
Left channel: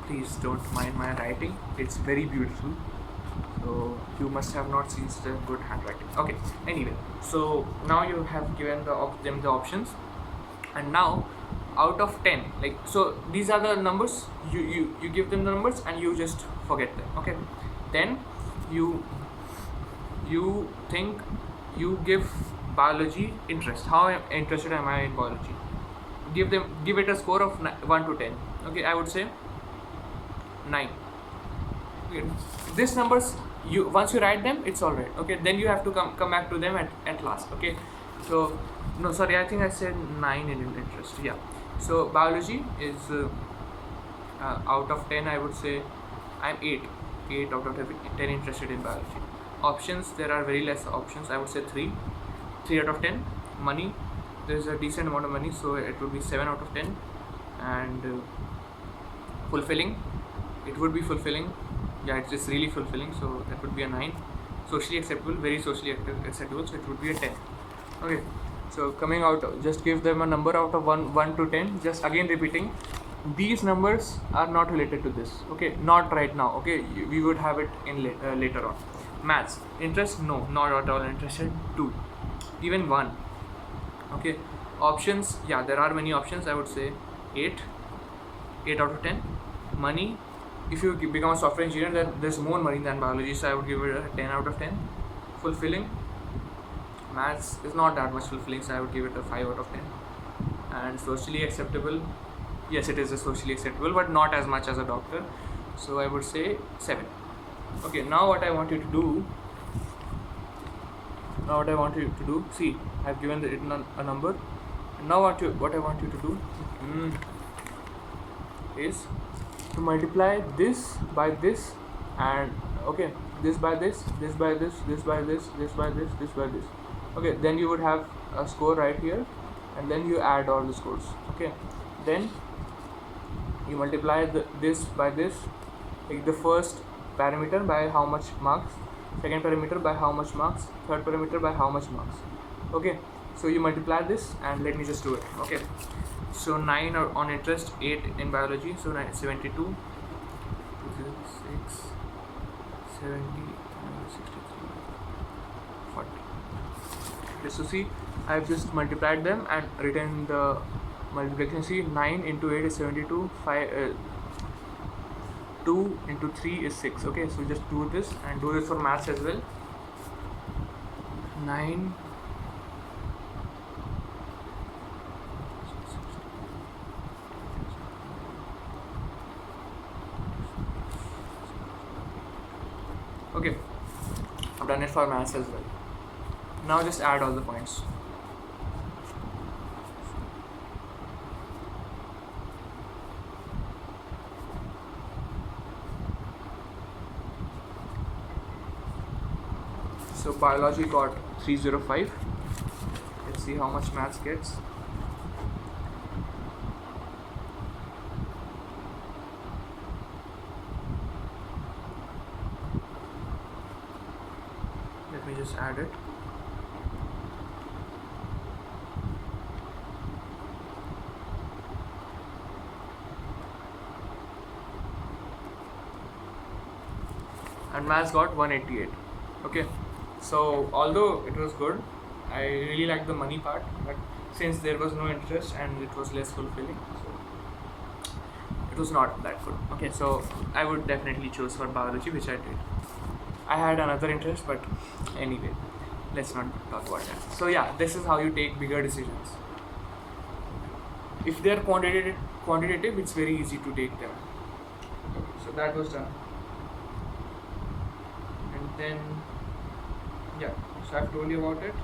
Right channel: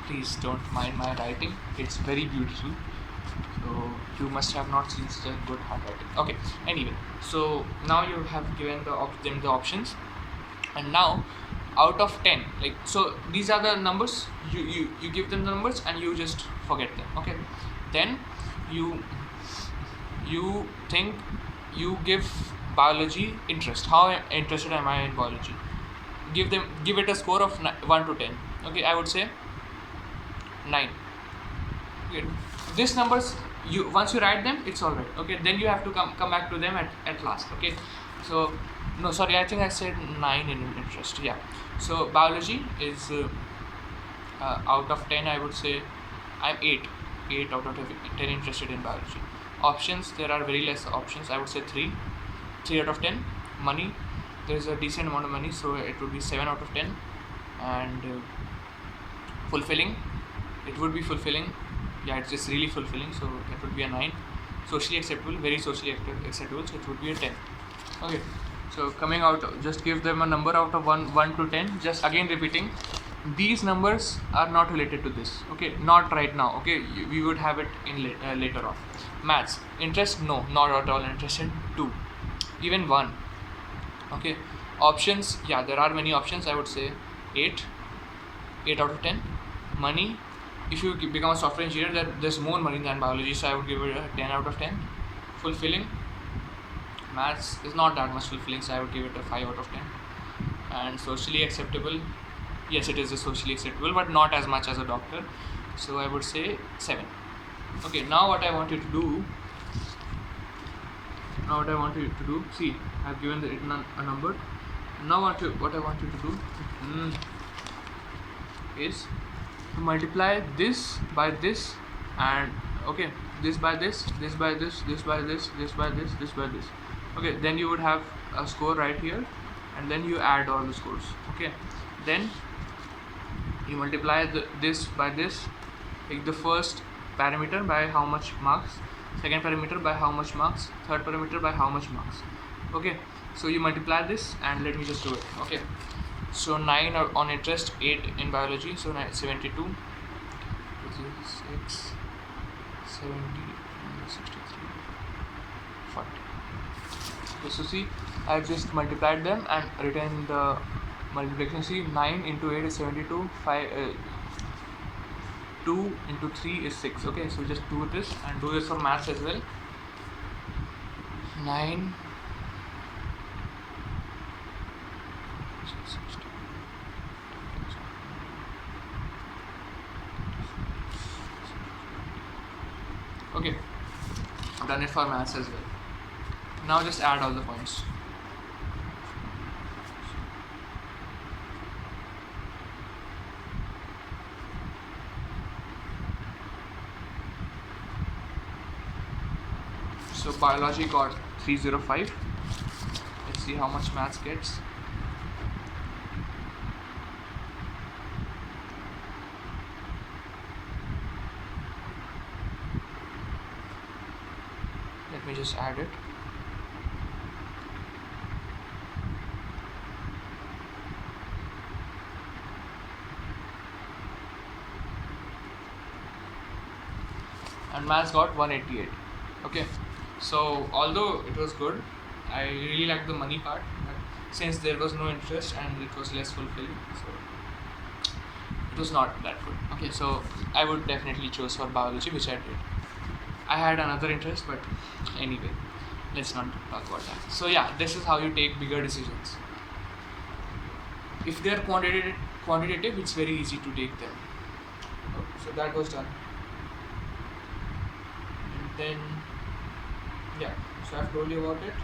Please don't mind my writing, it's very beautiful. So you must have not seen such a good handwriting. Okay, anyway, so now you have given them the options, and now out of 10, like, so these are the numbers, you give them the numbers and you just forget them. Okay, then you think, you give biology interest. How interested am I in biology? Give it a score of 1 to 10. Okay, I would say 9. Okay. These numbers, once you write them, it's all right. Okay, then you have to come back to them at last. Okay, so no, sorry, I think I said 9 in interest. Yeah, so biology is out of 10, I would say I'm 8 out of 10 interested in biology. Options, there are very less options. I would say 3 out of 10. Money, there is a decent amount of money, so it would be 7 out of 10. And fulfilling, it would be fulfilling. Yeah, it's just really fulfilling, so that would be a 9. Socially acceptable, very socially acceptable, so it would be a 10. Okay, so coming out, just give them a number out of 1 to 10. Just again repeating, these numbers are not related to this. Okay, not right now. Okay, we would have it in later on. Maths, interest, no, not at all interested. 2, even 1. Okay, options, yeah, there are many options. I would say 8 out of 10. Money, if you become a software engineer, there's more money than biology, so I would give it a 10 out of 10. Fulfilling, maths is not that much fulfilling, so I would give it a 5 out of 10. And socially acceptable, yes, it is a socially acceptable, but not as much as a doctor, so I would say 7. Okay, now what I want you to do, see, I've given it a number. Now what I want you to do, is to multiply this by this, and okay, this by this, this by this, this by this, this by this, this by this. Okay, then you would have a score right here, and then you add all the scores. Okay, then you multiply this by this, like the first parameter by how much marks, second parameter by how much marks, third parameter by how much marks. Okay, so you multiply this, and let me just do it. Okay, so 9 on interest, 8 in biology, so 72, 6, 70, 63, 40. Just to see, I've just multiplied them and written the multiplication. See, 9 into 8 is 72, 2 into 3 is 6. Okay, so just do this and do this for maths as well. 9 okay, I've done it for maths as well. Now just add all the points. So biology got 305. Let's see how much maths gets. Let me just add it. And maths got 188. Okay, so although it was good, I really liked the money part, but since there was no interest and it was less fulfilling, so it was not that good. Okay, so I would definitely choose for biology, which I did. I had another interest, but anyway, let's not talk about that. So yeah, this is how you take bigger decisions. If they are quantitative, it's very easy to take them. Okay, so that was done. And then yeah, so I've told you about it.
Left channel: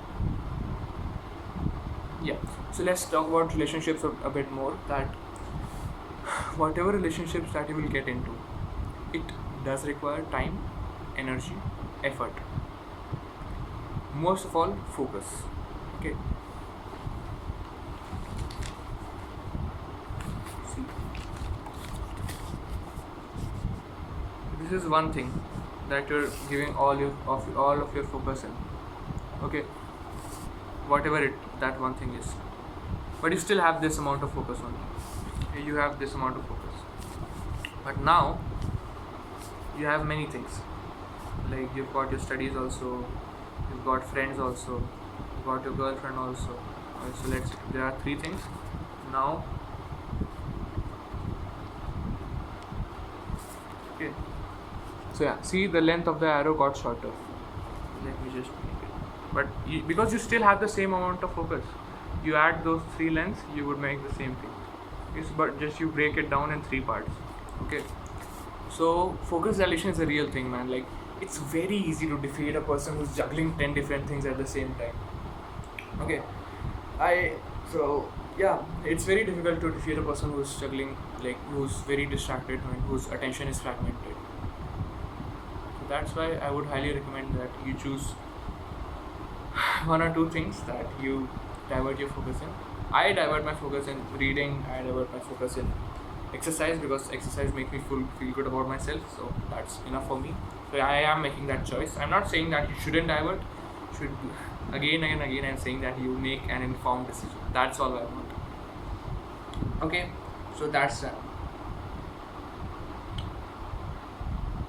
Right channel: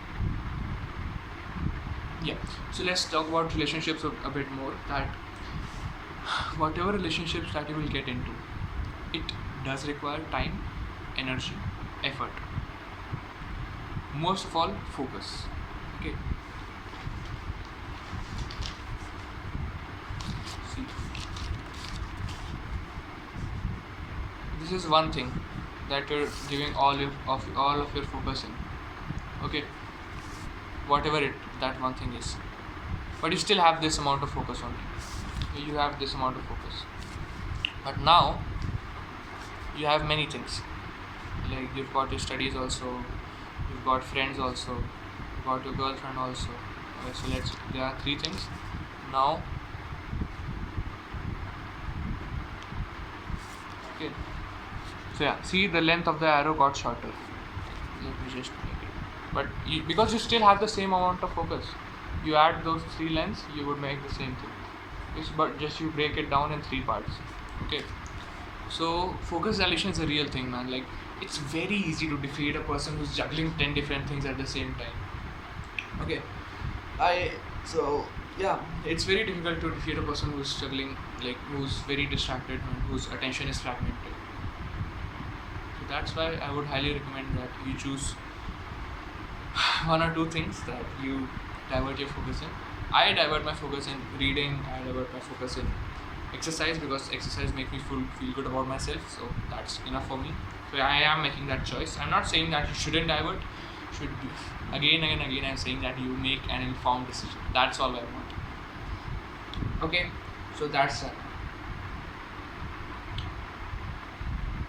Yeah, so let's talk about relationships a bit more. That whatever relationships that you will get into, it does require time, energy, effort. Most of all, focus. Okay, see, this is one thing that you're giving all of your focus in. Okay, whatever that one thing is, but you still have this amount of focus on it. You have this amount of focus, but now you have many things, like you've got your studies also, you've got friends also, you've got your girlfriend also. So there are 3 things now. Okay, so yeah, see, the length of the arrow got shorter. Let me just make it. But because you still have the same amount of focus, you add those 3 lengths, you would make the same thing. But just you break it down in 3 parts. Okay, so focus dilation is a real thing, man. Like, it's very easy to defeat a person who's juggling 10 different things at the same time. Okay, so yeah, it's very difficult to defeat a person who's juggling, like who's very distracted and whose attention is fragmented. So that's why I would highly recommend that you choose 1 or 2 things that you divert your focus in. I divert my focus in reading, I divert my focus in exercise, because exercise makes me feel good about myself, so that's enough for me. So I am making that choice. I'm not saying that you shouldn't divert. Should be, again I'm saying that you make an informed decision. That's all I want. Okay, so that's that.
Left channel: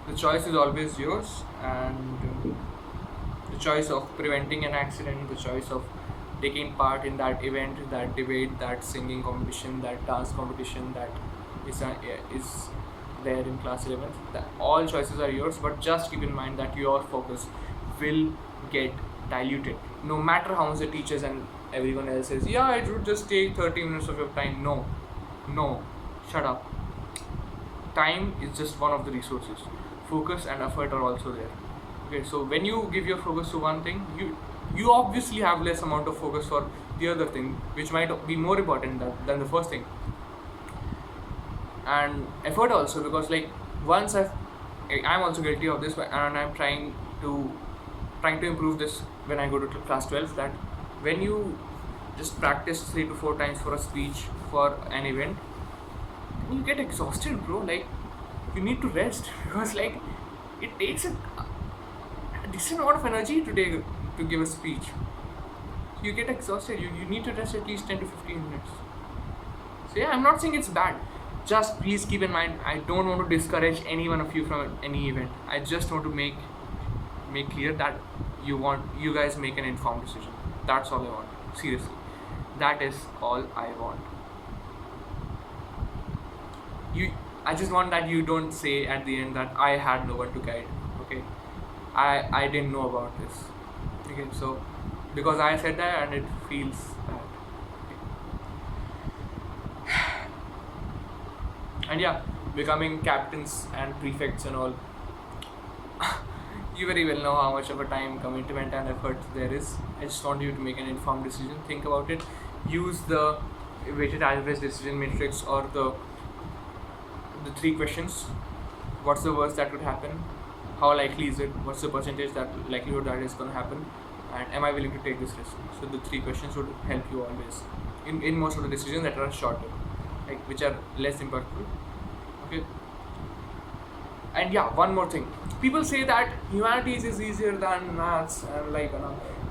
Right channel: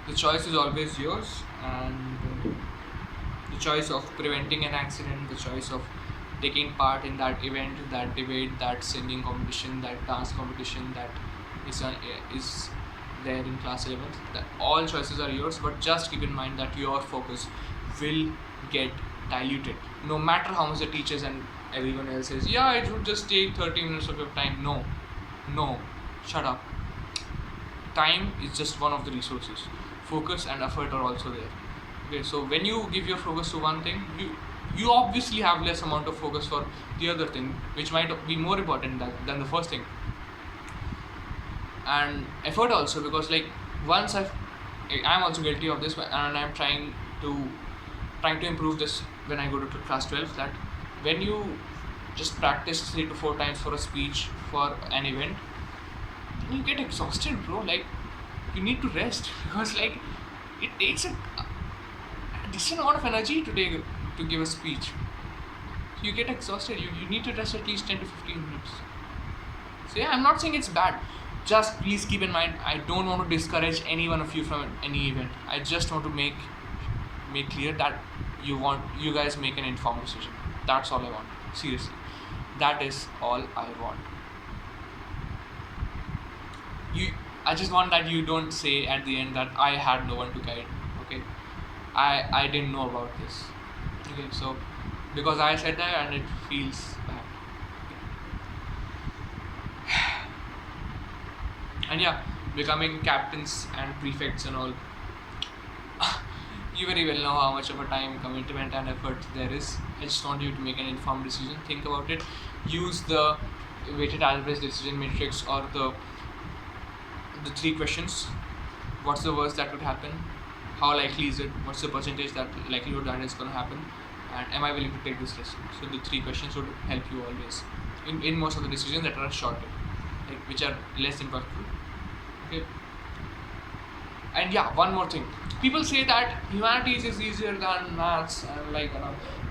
The choice is always yours, and the choice of preventing an accident, the choice of taking part in that event, that debate, that singing competition, that dance competition that is there in class 11th, that all choices are yours. But just keep in mind that your focus will get diluted, no matter how much the teachers and everyone else says, yeah, it would just take 30 minutes of your time. No, shut up. Time is just one of the resources. Focus and effort are also there. Okay, so when you give your focus to one thing, you obviously have less amount of focus for the other thing, which might be more important than the first thing. and effort also, because like once I'm also guilty of this, and I'm trying to improve this when I go to class 12, that when you just practice 3 to 4 times for a speech for an event, you get exhausted, bro. Like you need to rest because like it takes a decent amount of energy to give a speech. You get exhausted. You need to rest at least 10 to 15 minutes. So yeah, I'm not saying it's bad. Just please keep in mind, I don't want to discourage any one of you from any event. I just want to make clear that you guys make an informed decision. That's all I want. Seriously, that is all I want. I just want that you don't say at the end that I had no one to guide. Okay, I didn't know about this. Okay, so because I said that and it feels bad. And yeah, becoming captains and prefects and all, you very well know how much of a time commitment and effort there is. I just want you to make an informed decision. Think about it. Use the weighted average decision matrix or the 3 questions. What's the worst that could happen? How likely is it? What's the percentage that likelihood that is going to happen? And am I willing to take this risk? So the 3 questions would help you always in most of the decisions that are shorter, like which are less impactful. Okay. And yeah, one more thing. People say that humanities is easier than maths, and like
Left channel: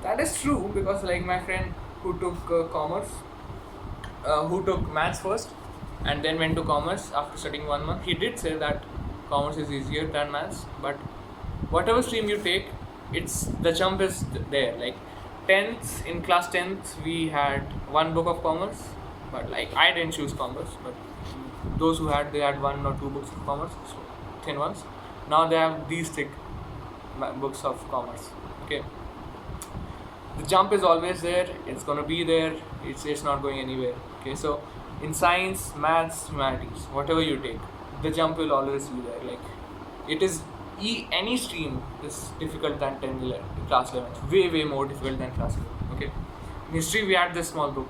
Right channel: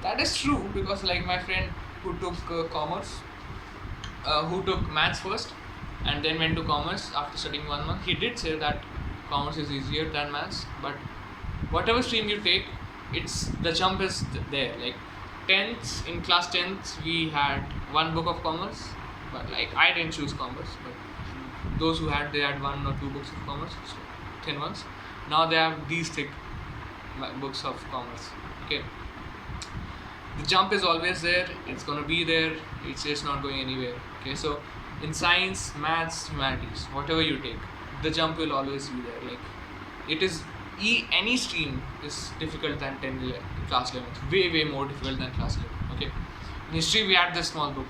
that is true, because like my friend who took commerce, who took maths first and then went to commerce after studying 1 month, he did say that commerce is easier than maths. But whatever stream you take, the jump is there. Like in class 10th we had 1 book of commerce, but like I didn't choose commerce, but those who had, they had 1 or 2 books of commerce, so thin ones. Now they have these thick books of commerce. Okay, the jump is always there. It's gonna be there. It's not going anywhere. Okay, so in science, maths, humanities, whatever you take, the jump will always be there. Like it is any stream is difficult than class 11th. Way more difficult than class 11th. Okay, in history we had this small book,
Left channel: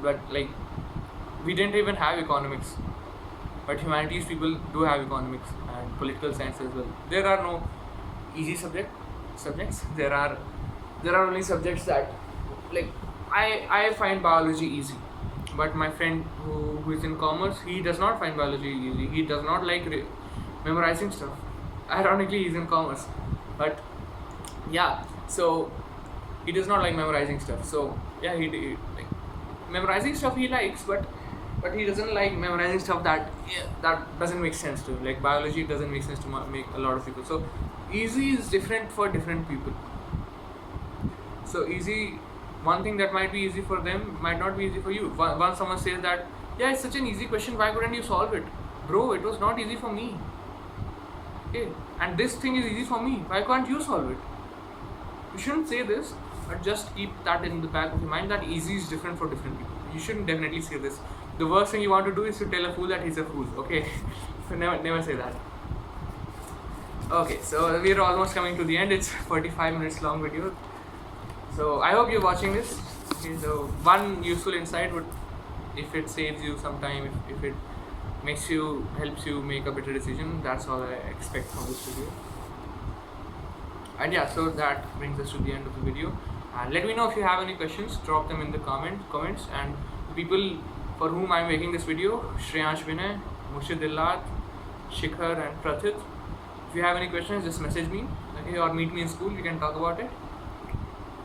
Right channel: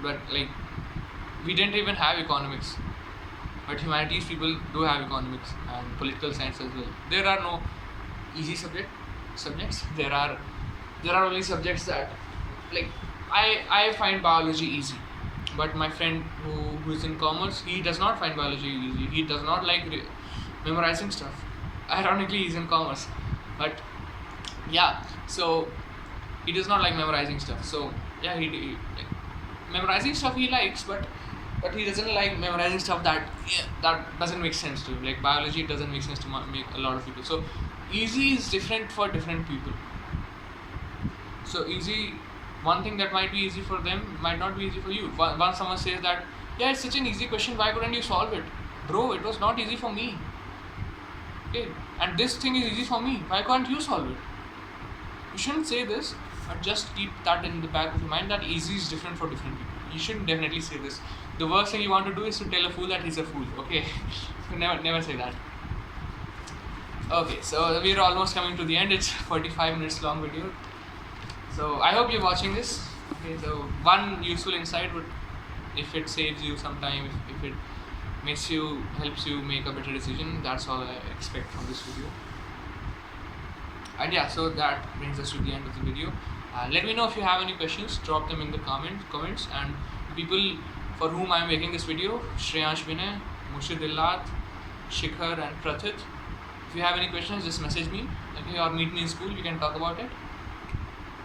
but like we didn't even have economics. But humanities people do have economics and political science as well. There are no easy subjects. There are only subjects that, like, I find biology easy, but my friend who is in commerce, he does not find biology easy. He does not like memorizing stuff. Ironically, he's in commerce, but yeah, so he does not like memorizing stuff. So yeah, he like memorizing stuff he likes, but he doesn't like memorizing stuff that doesn't make sense to him. Like biology doesn't make sense to make a lot of people. So easy is different for different people. So easy, one thing that might be easy for them might not be easy for you. Once someone says that, yeah, it's such an easy question, why couldn't you solve it? Bro, it was not easy for me. Okay, and this thing is easy for me, why can't you solve it? You shouldn't say this, but just keep that in the back of your mind, that easy is different for different people. You shouldn't definitely say this. The worst thing you want to do is to tell a fool that he's a fool. Okay, never say that. Okay, so we're almost coming to the end. It's 45 minutes long video. So I hope you're watching this. Okay, so one useful insight would, if it saves you some time, if it helps you make a better decision, that's all I expect from this video. And yeah, so that brings us to the end of the video. Let me know if you have any questions. Drop them in the comments. And the people for whom I'm making this video, Shreyansh Vinay, Murshid Illat, Shikhar and Prathit. If you have any questions, just message me, okay, or meet me in school. We can talk about it.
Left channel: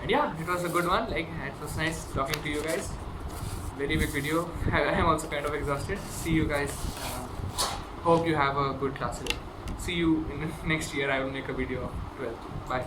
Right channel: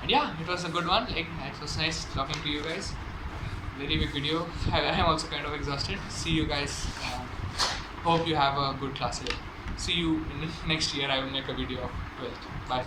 And yeah, it was a good one. Like, it was nice talking to you guys. Very big video. I am also kind of exhausted. See you guys. Hope you have a good class. See you in next year. I will make a video of 12th. Bye.